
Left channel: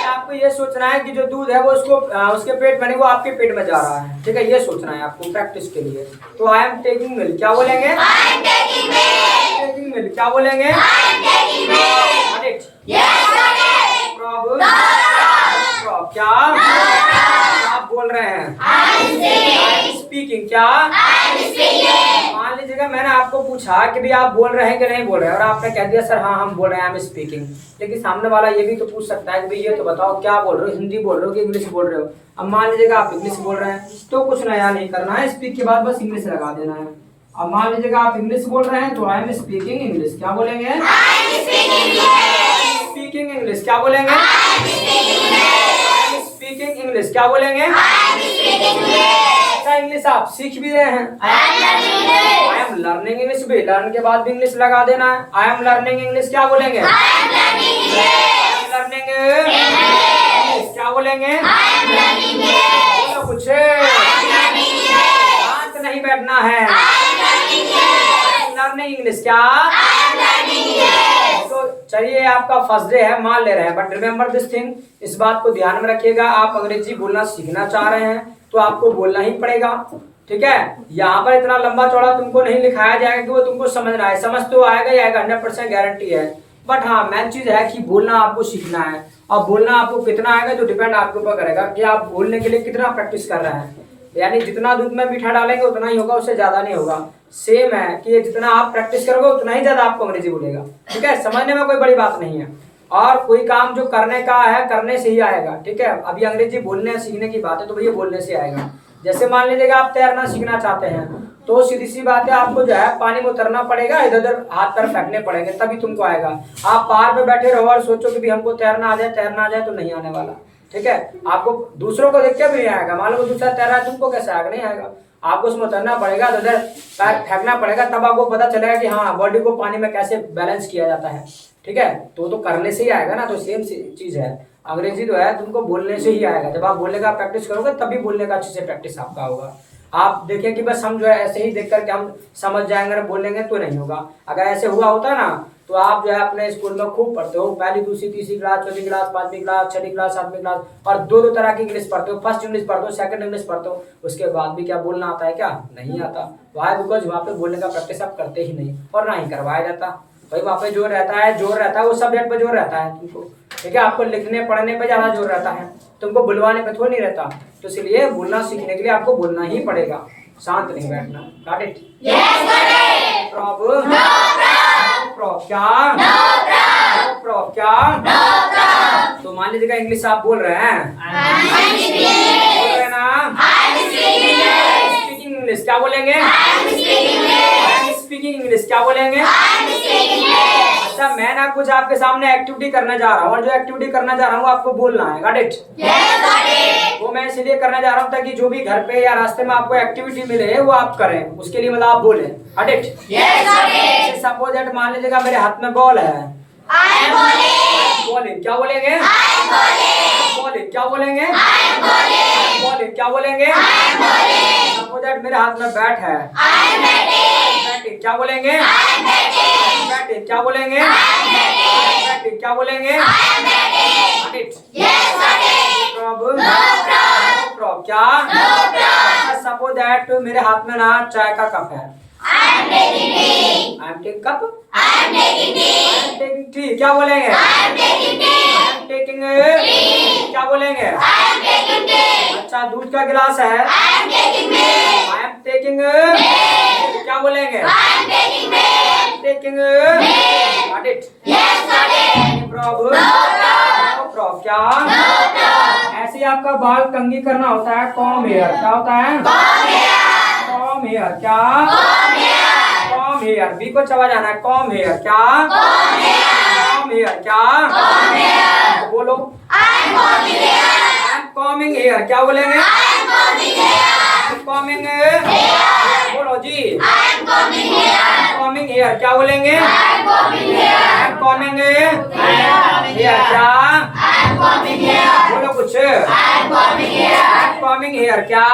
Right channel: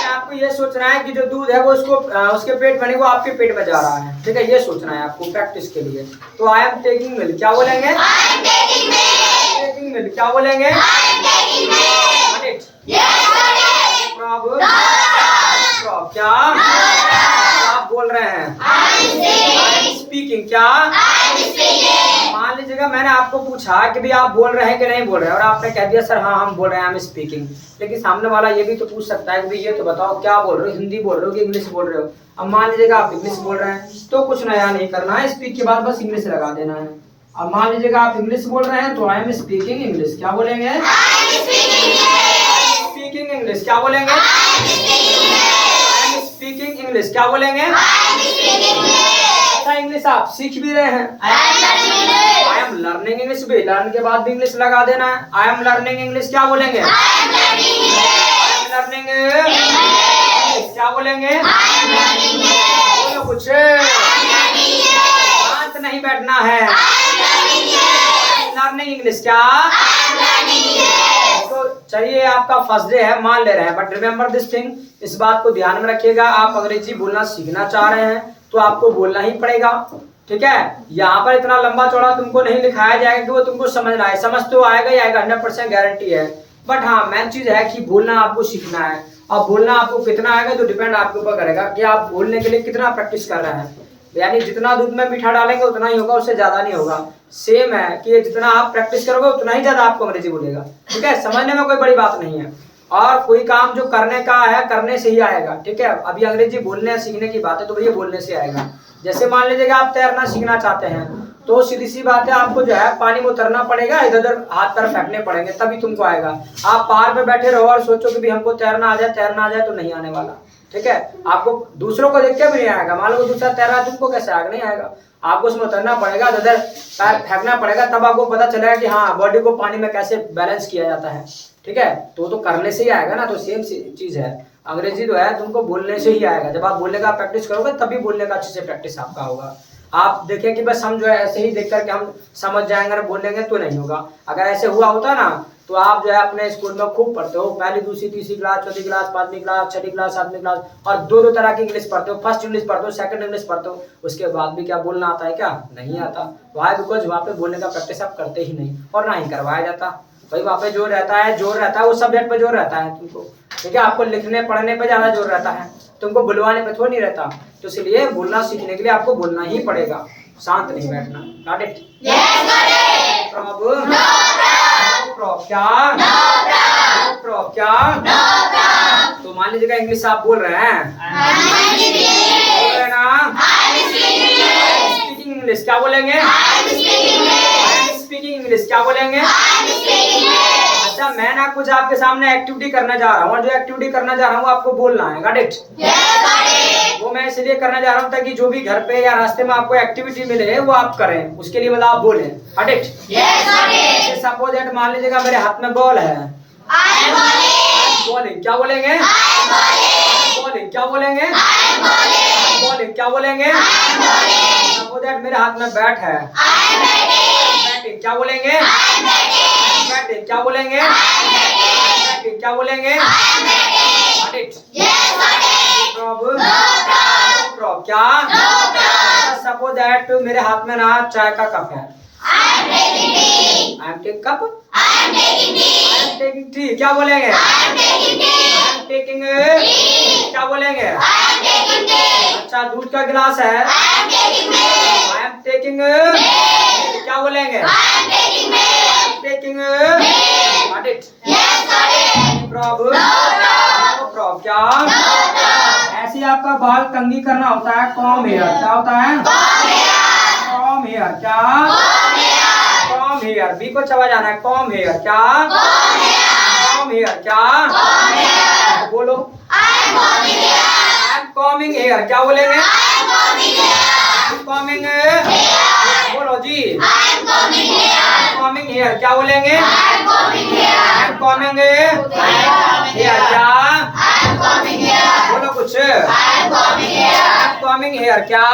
आपको ये सोचना है कि जो दूध है वो उसको उसके पेट में, वो आपके पेट में जा रहा है, ठीक है? ये सोचना है आपको प्रैक्टिस के लिए। तो आई एम टेकिंग मिल्क क्या बोलेंगे? टेकिंग मिल्क क्या बोलेंगे? प्रॉब क्या? आप बोल रहे हैं आई एम स्पीकिंग क्या? मान लीजिएगा मैंने आपको पूछा कि भी आप बोल रहे हैं कि नहीं बोल रहे हैं, और आपने कह दिया सर हाँ हम बोल रहे हैं आई एम स्पीकिंग, लेकिन सामने वाला ये भी तो पूछ सकता है कि भाई ये तो बताओ क्या बोल रहे हो, हिंदी बोल रहे हो कि इंग्लिश बोल रहे हो? अब मान लीजिएगा आप इंग्लिश बोल रहे हैं तो कुछ नया नहीं करना है, स्पीक के बाद बस इंग्लिश लगा देना है। अब मान लीजिएगा आप इंग्लिश बोल रहे हैं तो आई एम स्पीकिंग इंग्लिश क्या बोलेंगे? स्पीकिंग इंग्लिश क्या बोलेंगे? स्पीकिंग इंग्लिश क्या बोलेंगे? अच्छा, इंग्लिश आप सीख भी रहे हैं, आई एम लर्निंग इंग्लिश भी, लर्न के बाद भी इंग्लिश लगा देना है। आई एम लर्निंग इंग्लिश क्या बोलेंगे? लर्निंग इंग्लिश क्या बोलेंगे? बोलो कुछ, शांत नहीं बैठना है। लर्निंग इंग्लिश क्या? तो चलिए आपका फर्स्ट डे है, मान ले रहे हैं, बट रिमेम्बर दिस थिंग, इस बात को ध्यान में रखिएगा, आप अंग्रेजी बोलना सीखना चाह रहे हैं तो आपको बोलना ही पड़ेगा, ठीक है? यहाँ पर इतना लंबा चौड़ा तुमको नहीं लिखाया जाएगा कि वो तुमको समझना है, समझ तो आएगा ही आएगा, 100% गारंटी है, बट हाँ मेन चीज है कि बोलना आपको सीखना है। अब बोलना आपको कितना आएगा तो डिपेंड आपके ऊपर करेगा कि आप बोलने के लिए कितना प्रैक्टिस कर रहे हैं, यानी जितना दूध में मीठा डालेंगे उतना ही होगा, उससे ज्यादा नहीं होगा। सेम है कि जितना आप प्रैक्टिस करोगे उतना ही ज्यादा आपको अंग्रेजी बोलेगा, ठीक है? समझने में कोई बड़ी बात नहीं है, और कोई काम जो करने का है करने से ही आएगा, ठीक है? अभी अंग्रेजी बोलने सीखने की बात है तो भैया बोलने से आएगा। जैसे मान लीजिएगा आप तैरना सीखना चाहते हैं तो सीधी सी बात है, आपको जो है पानी में उतरना पड़ेगा, इधर उधर हाथ पैर फेंकने पड़ेंगे तभी तुमको आएगा। आप पहाड़ पे बैठे रहो और सोचो कि भी हमको तैरना आ जाए तो नहीं आने वाला, ठीक है? आपको दूसरों को देख के भी नहीं आएगा, मान लो दूसरा तैर रहा है तुमको कैसे आएगा? नहीं आएगा, आपको उसमें उतरना पड़ेगा, इधर पैर फेंकना पड़ेगा, तब आपको पता चलेगा कि हाँ बॉडी को पानी में कैसे बैलेंस किया जाता है, ठीक है? तो करने से ही आएगा ना, तो सेम चीज है, अंग्रेजी जो है तुमको बोलने से ही आएगा। जब आप बोलने का प्रैक्टिस करोगे तभी बोलने का अच्छे से प्रैक्टिस आपका होगा। आप देखें कि बस हम जो है ऐसे ही देख करके हम समझ जाएंगे ना बोल लेंगे तो नहीं होगा। अगर ऐसे हुआ होता ना तो आप जो है अपने स्कूल में खूब पढ़ते हो, पहली दूसरी तीसरी क्लास, चौथी क्लास, पांचवी क्लास, छठी क्लास, सातवीं क्लास, और दो तरह की इंग्लिश पढ़ते हो। फर्स्ट इंग्लिश पढ़ते हो, सेकंड इंग्लिश पढ़ते हो, उसके बाद भी क्या बोलना आता है? क्या नहीं आता। वाई बिकॉज वहाँ पे बोलने का प्रैक्टिस आप करते ही नहीं और ना ही करवाया जाता। भाई वहाँ पे जोर रहता है वो सब्जेक्ट पे जोर रहता है तुमको, ठीक है। आपको लिखने पढ़ने पे ज्यादा जोर रहता है, तुमको बुलवाने पे थोड़ी नहीं रहता। तो इसलिए बोलना सीखने के लिए आपको बोलना ही पड़ेगा, शांत नहीं बैठना। Got it? प्रॉब्लम क्या? तो मान लीजिएगा इंग्लिश आप बोल रहे हैं, बोल रहे हैं ना? स्पीकिंग इंग्लिश क्या बोलेंगे? स्पीकिंग इंग्लिश क्या बोलेंगे? अच्छा, मैं ना कुछ आपके सामने एक्टिविटी करने जा रहा हूँ और जो एक्टिविटी करना जा रहा हूँ आपको बोलना है। Got it? वो मैं इसलिए करने जा रहा हूँ ताकि जो भी घर पे या रास्ते में आपको एक्टिविटी मिले वो आप करें, उसके लिए मतलब आप बोले। Got it? सपोज दैट मान लीजिएगा मेरे हाथ में बॉल है, बॉलिंग क्या बोलेंगे? बॉलिंग क्या बोलेंगे? बॉलिंग क्या बोलेंगे? सपोज दैट मेरे हाथ में बैट है, बैटिंग क्या बोलेंगे? बैटिंग क्या बोलेंगे? बैटिंग क्या बोलेंगे? प्रॉब क्या? सपोज दैट मेरे हाथ में ना चाय का कप है, I am taking cup. I am taking tea. क्या बोलेंगे? I am taking tea. क्या बोलेंगे? I am taking tea. अच्छा, दूध का गिलास है, I am taking milk. I am taking milk. क्या बोलेंगे? I am taking milk. I am taking milk. Got it? Yes, got it. Any problem? No problem. क्या? No problem. ऐसे ही आपका बाल कंघी करना होता है, कॉम हेयर क्या होता है? कॉम हेयर क्या? Comb hair. बी को चबा जाना है। कॉम हेयर क्या? कॉम हेयर क्या? बोलो। आई एम कॉमिंग हेयर क्या बोलेंगे? आई एम कॉमिंग बोलो जी। आई एम कॉमिंग हेयर क्या बोलेंगे? आई एम कॉमिंग हेयर क्या? बोलो कुछ। आई एम कॉमिंग हेयर क्या?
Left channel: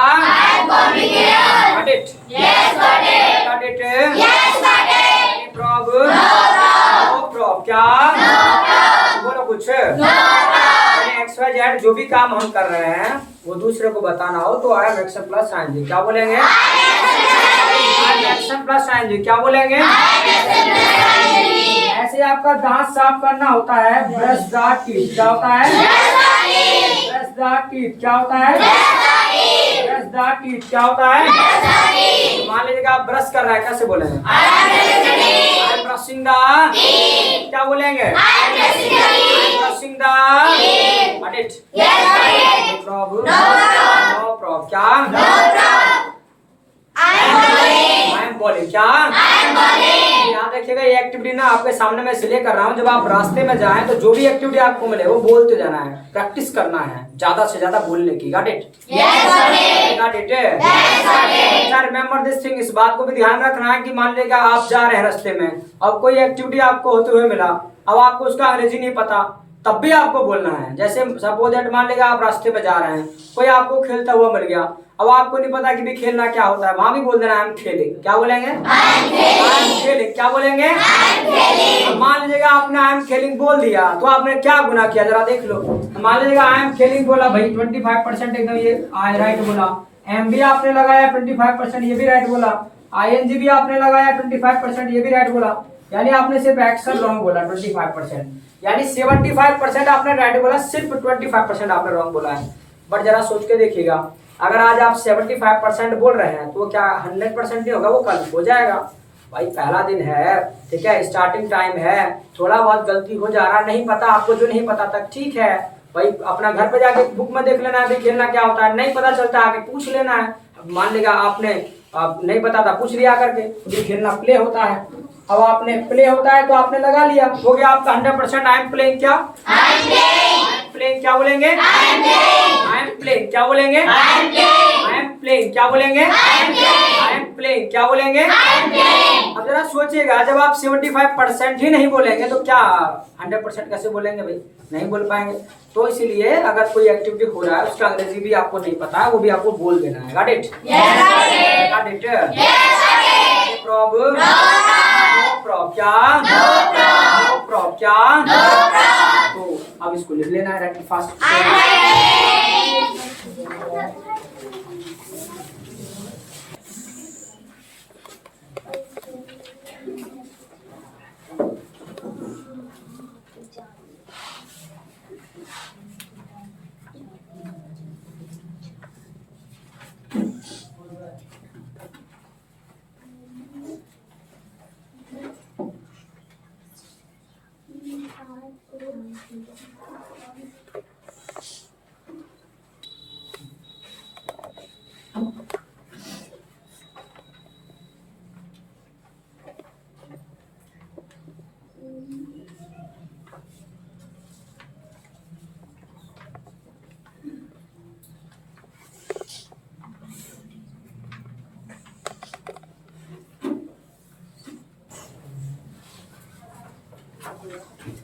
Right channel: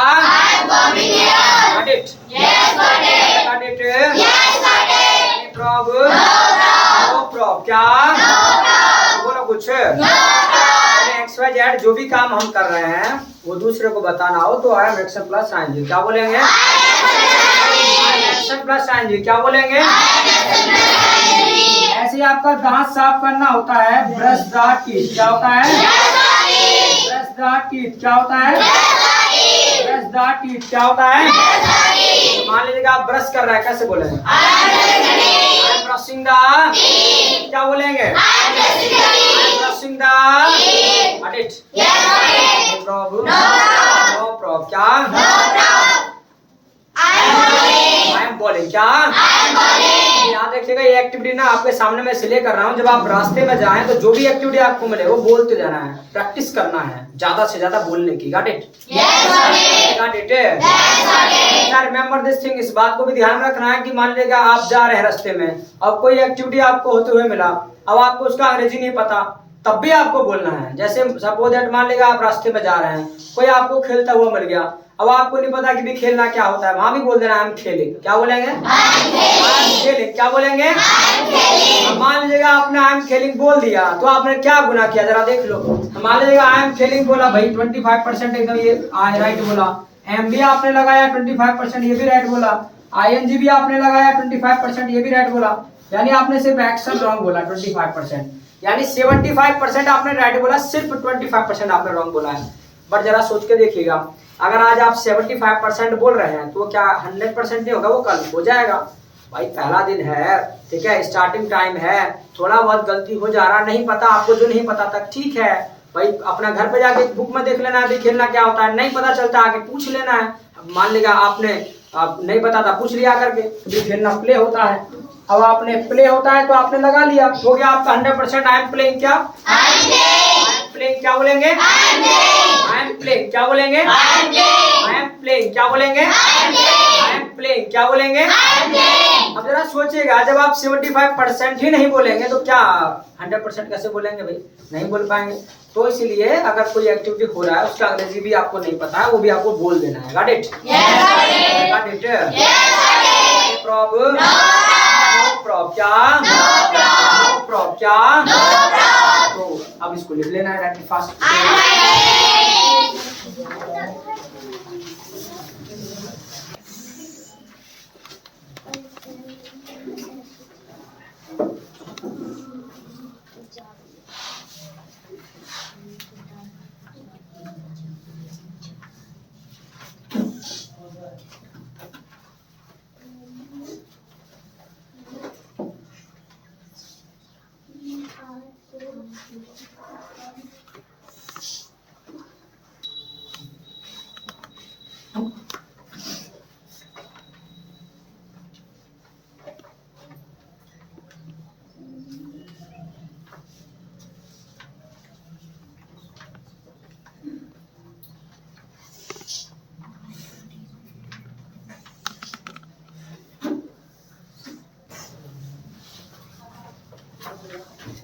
Got it? Yes, got it. Got it? Yes, got it. Any problem? No problem. क्या? No problem. बोलो कुछ। No problem. XYZ जो भी काम हम कर रहे हैं वो दूसरे को बताना हो तो I am action plus ing क्या बोलेंगे? I am action plus ing क्या बोलेंगे? ऐसे आपका दांत साफ करना होता है, ब्रश द टीथ क्या होता है? ब्रश द टीथ क्या होता है? ब्रश द टीथ क्या होता है? मान लीजिएगा आप ब्रश कर रहे हैं, कैसे बोलेंगे? आई एम ब्रशिंग द क्या बोलेंगे? I am brushing the what it? No problem. No problem क्या? आई एम बॉलिंग क्या? यहाँ देखिएगा ये एक्टिविटी ना आपके सामने मैं इसलिए कर रहा हूँ, जब आप रास्ते में जाएं तो जो भी एक्टिविटी आपको मिले वो बोलते जाना है, प्रैक्टिस करना है ज्यादा से ज्यादा बोलने की। Got it? Got it? Remember this thing, इस बात को भी ध्यान रखना है कि मान लीजिएगा आप जा रहे हैं रास्ते में, अब कोई एक्टिविटी आपको होते हुए मिला, अब आपको उसका अंग्रेजी नहीं पता, तब भी आपको बोलना है। जैसे सपोज दैट मान लीजिएगा आप रास्ते में जा रहे हैं, कोई आपको खेलता हुआ मिल गया, अब आपको नहीं पता कि भी खेलना क्या होता है, वहां भी बोल देना आई एम खेलिंग क्या बोलेंगे? आई एम खेलिंग क्या बोलेंगे? अब मान लीजिएगा आपने आई एम खेलिंग बोल दिया तो आपने क्या गुनाह किया जरा देख लो। मान लीजिएगा आई एम खेलिंग बोला भाई 25% एकदम ये राइट बोला, एम भी आपने लगाया 25% ये भी राइट बोला, ING भी आपने लगाया 25% ये भी राइट बोला, यानी आपने सिर्फ एक्शन रॉन्ग बोला 25%, यानी 75% आपने राइट बोला, सिर्फ 25% आपने रॉन्ग बोला है। बट जरा सोच के देखिएगा, अगर आज आप 75% बोल रहे हैं तो क्या 100% नहीं होगा? वो कल हो जाएगा। भाई पहला दिन है, ठीक है, स्टार्टिंग टाइम है, थोड़ा बहुत गलती हो जा रहा, नहीं पता आपको जो नहीं पता था, ठीक है भाई, अपना घर पे जाके बुक में देख लेना है खेलना क्या होता है, नहीं पता चलता आके पूछ लेना है। मान लीजिएगा आपने नहीं पता था, पूछ लिया करके, भी खेलना प्ले होता है, अब आपने प्ले होता है तो आपने लगा लिया, हो गया आपका 100%। आई एम प्लेइंग क्या? प्लेइंग क्या बोलेंगे? आई एम प्लेइंग क्या बोलेंगे? आई एम प्लेइंग क्या बोलेंगे? आई एम प्लेइंग क्या बोलेंगे? अब जरा सोचिएगा, जब आप 75% ही नहीं बोलेंगे तो क्या 100% कैसे बोलेंगे भाई? नहीं बोल पाएंगे। तो इसलिए अगर कोई एक्टिविटी हो रहा है उसका अंग्रेजी भी आपको नहीं पता है, वो भी आपको बोल देना है। Got it? Got it? Problem? No problem क्या? नो प्रॉब्लम क्या? तो अब इसको लिख लेना है रैपिड फास्ट।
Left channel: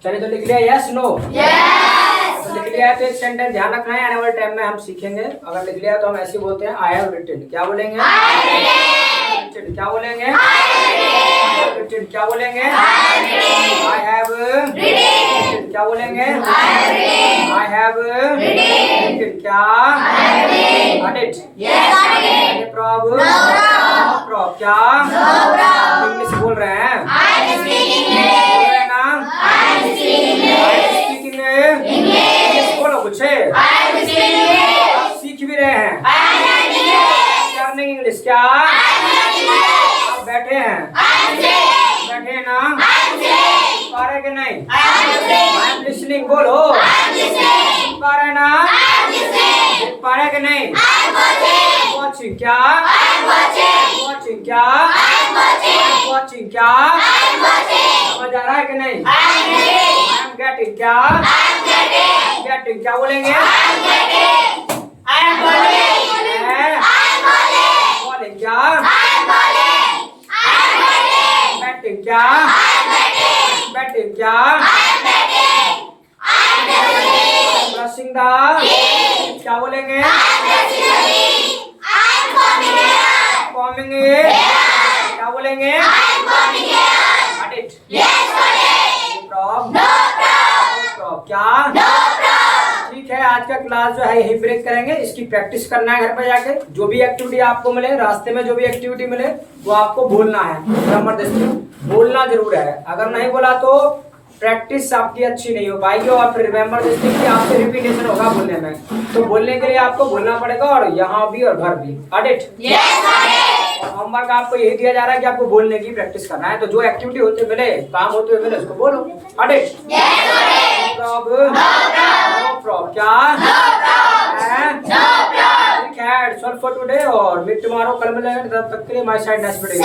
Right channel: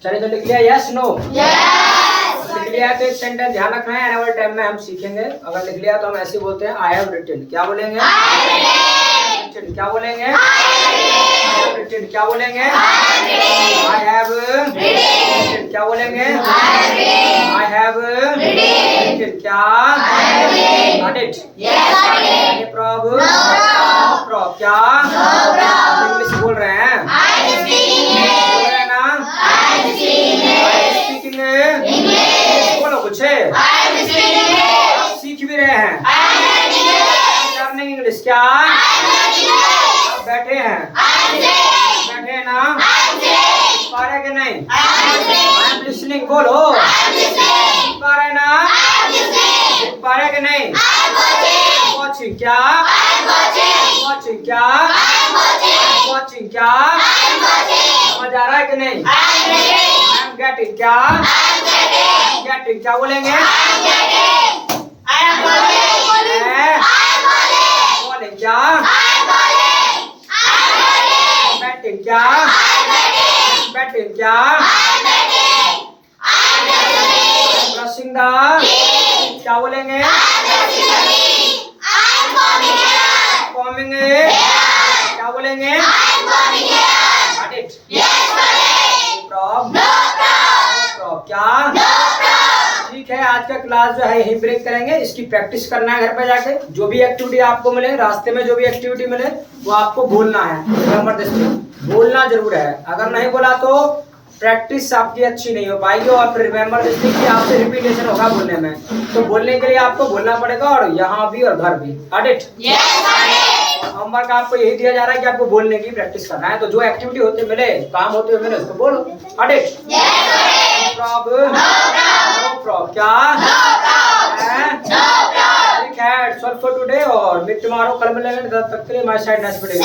चलिए तो लिख लिया यस नो? यस। लिख लिया है तो एक सेंटेंस ध्यान रखना है, आने वाले टाइम में हम सीखेंगे। अगर लिख लिया तो हम ऐसे बोलते हैं आई हैव रिटन। क्या बोलेंगे? क्या बोलेंगे? रिटन। क्या बोलेंगे? I have written. क्या बोलेंगे? I have written. क्या? Got it? Yes. Problem? No problem क्या? इंग्लिश बोल रहे हैं? बोल रहे हैं ना? इंग्लिश बोलो कुछ। आप सीख भी रहे हैं लर्निंग इंग्लिश। क्या आप बैठे हैं? बैठे हैं ना? पा रहे कि नहीं? आई एम लिसनिंग बोलो। पा रहे ना? पा रहे कि नहीं? वॉचिंग क्या? वॉचिंग क्या? वॉचिंग क्या? समझ आ रहा है कि नहीं? आई एम गेटिंग क्या? गेटिंग क्या बोलेंगे? बॉलिंग क्या? बैटिंग क्या? बैटिंग क्या? ब्रशिंग द क्या बोलेंगे? कॉमिंग क्या बोलेंगे? Got it? प्रॉब्लम? क्या? ठीक है, आज का क्लास जो है यही ब्रेक करेंगे। इसकी प्रैक्टिस करना है घर पे जाके। जो भी एक्टिविटी आपको मिले, रास्ते में जो भी एक्टिविटी मिले वो आपको बोलना है। जबरदस्ती बोलना जरूर है। अगर नहीं बोला तो प्रैक्टिस आपकी अच्छी नहीं हो पाएगी और फिर रिमेम्बर दिस थिंग कि आपसे रिपीटेशन होगा बोलने में। तो बोलने के लिए आपको बोलना पड़ेगा, और यहाँ भी और घर भी। Got it? होमवर्क आपको यही दिया जा रहा है कि आपको बोलने की प्रैक्टिस करना है। तो जो एक्टिविटी होते मिले, काम होते हुए मिले, उसको बोलो। Got it? Problem? No problem क्या? ठीक है, सॉल्व फॉर टुडे और मीट टुमारो। कल मिलेंगे, तब तक के लिए माय साइड नाइस वीडियो।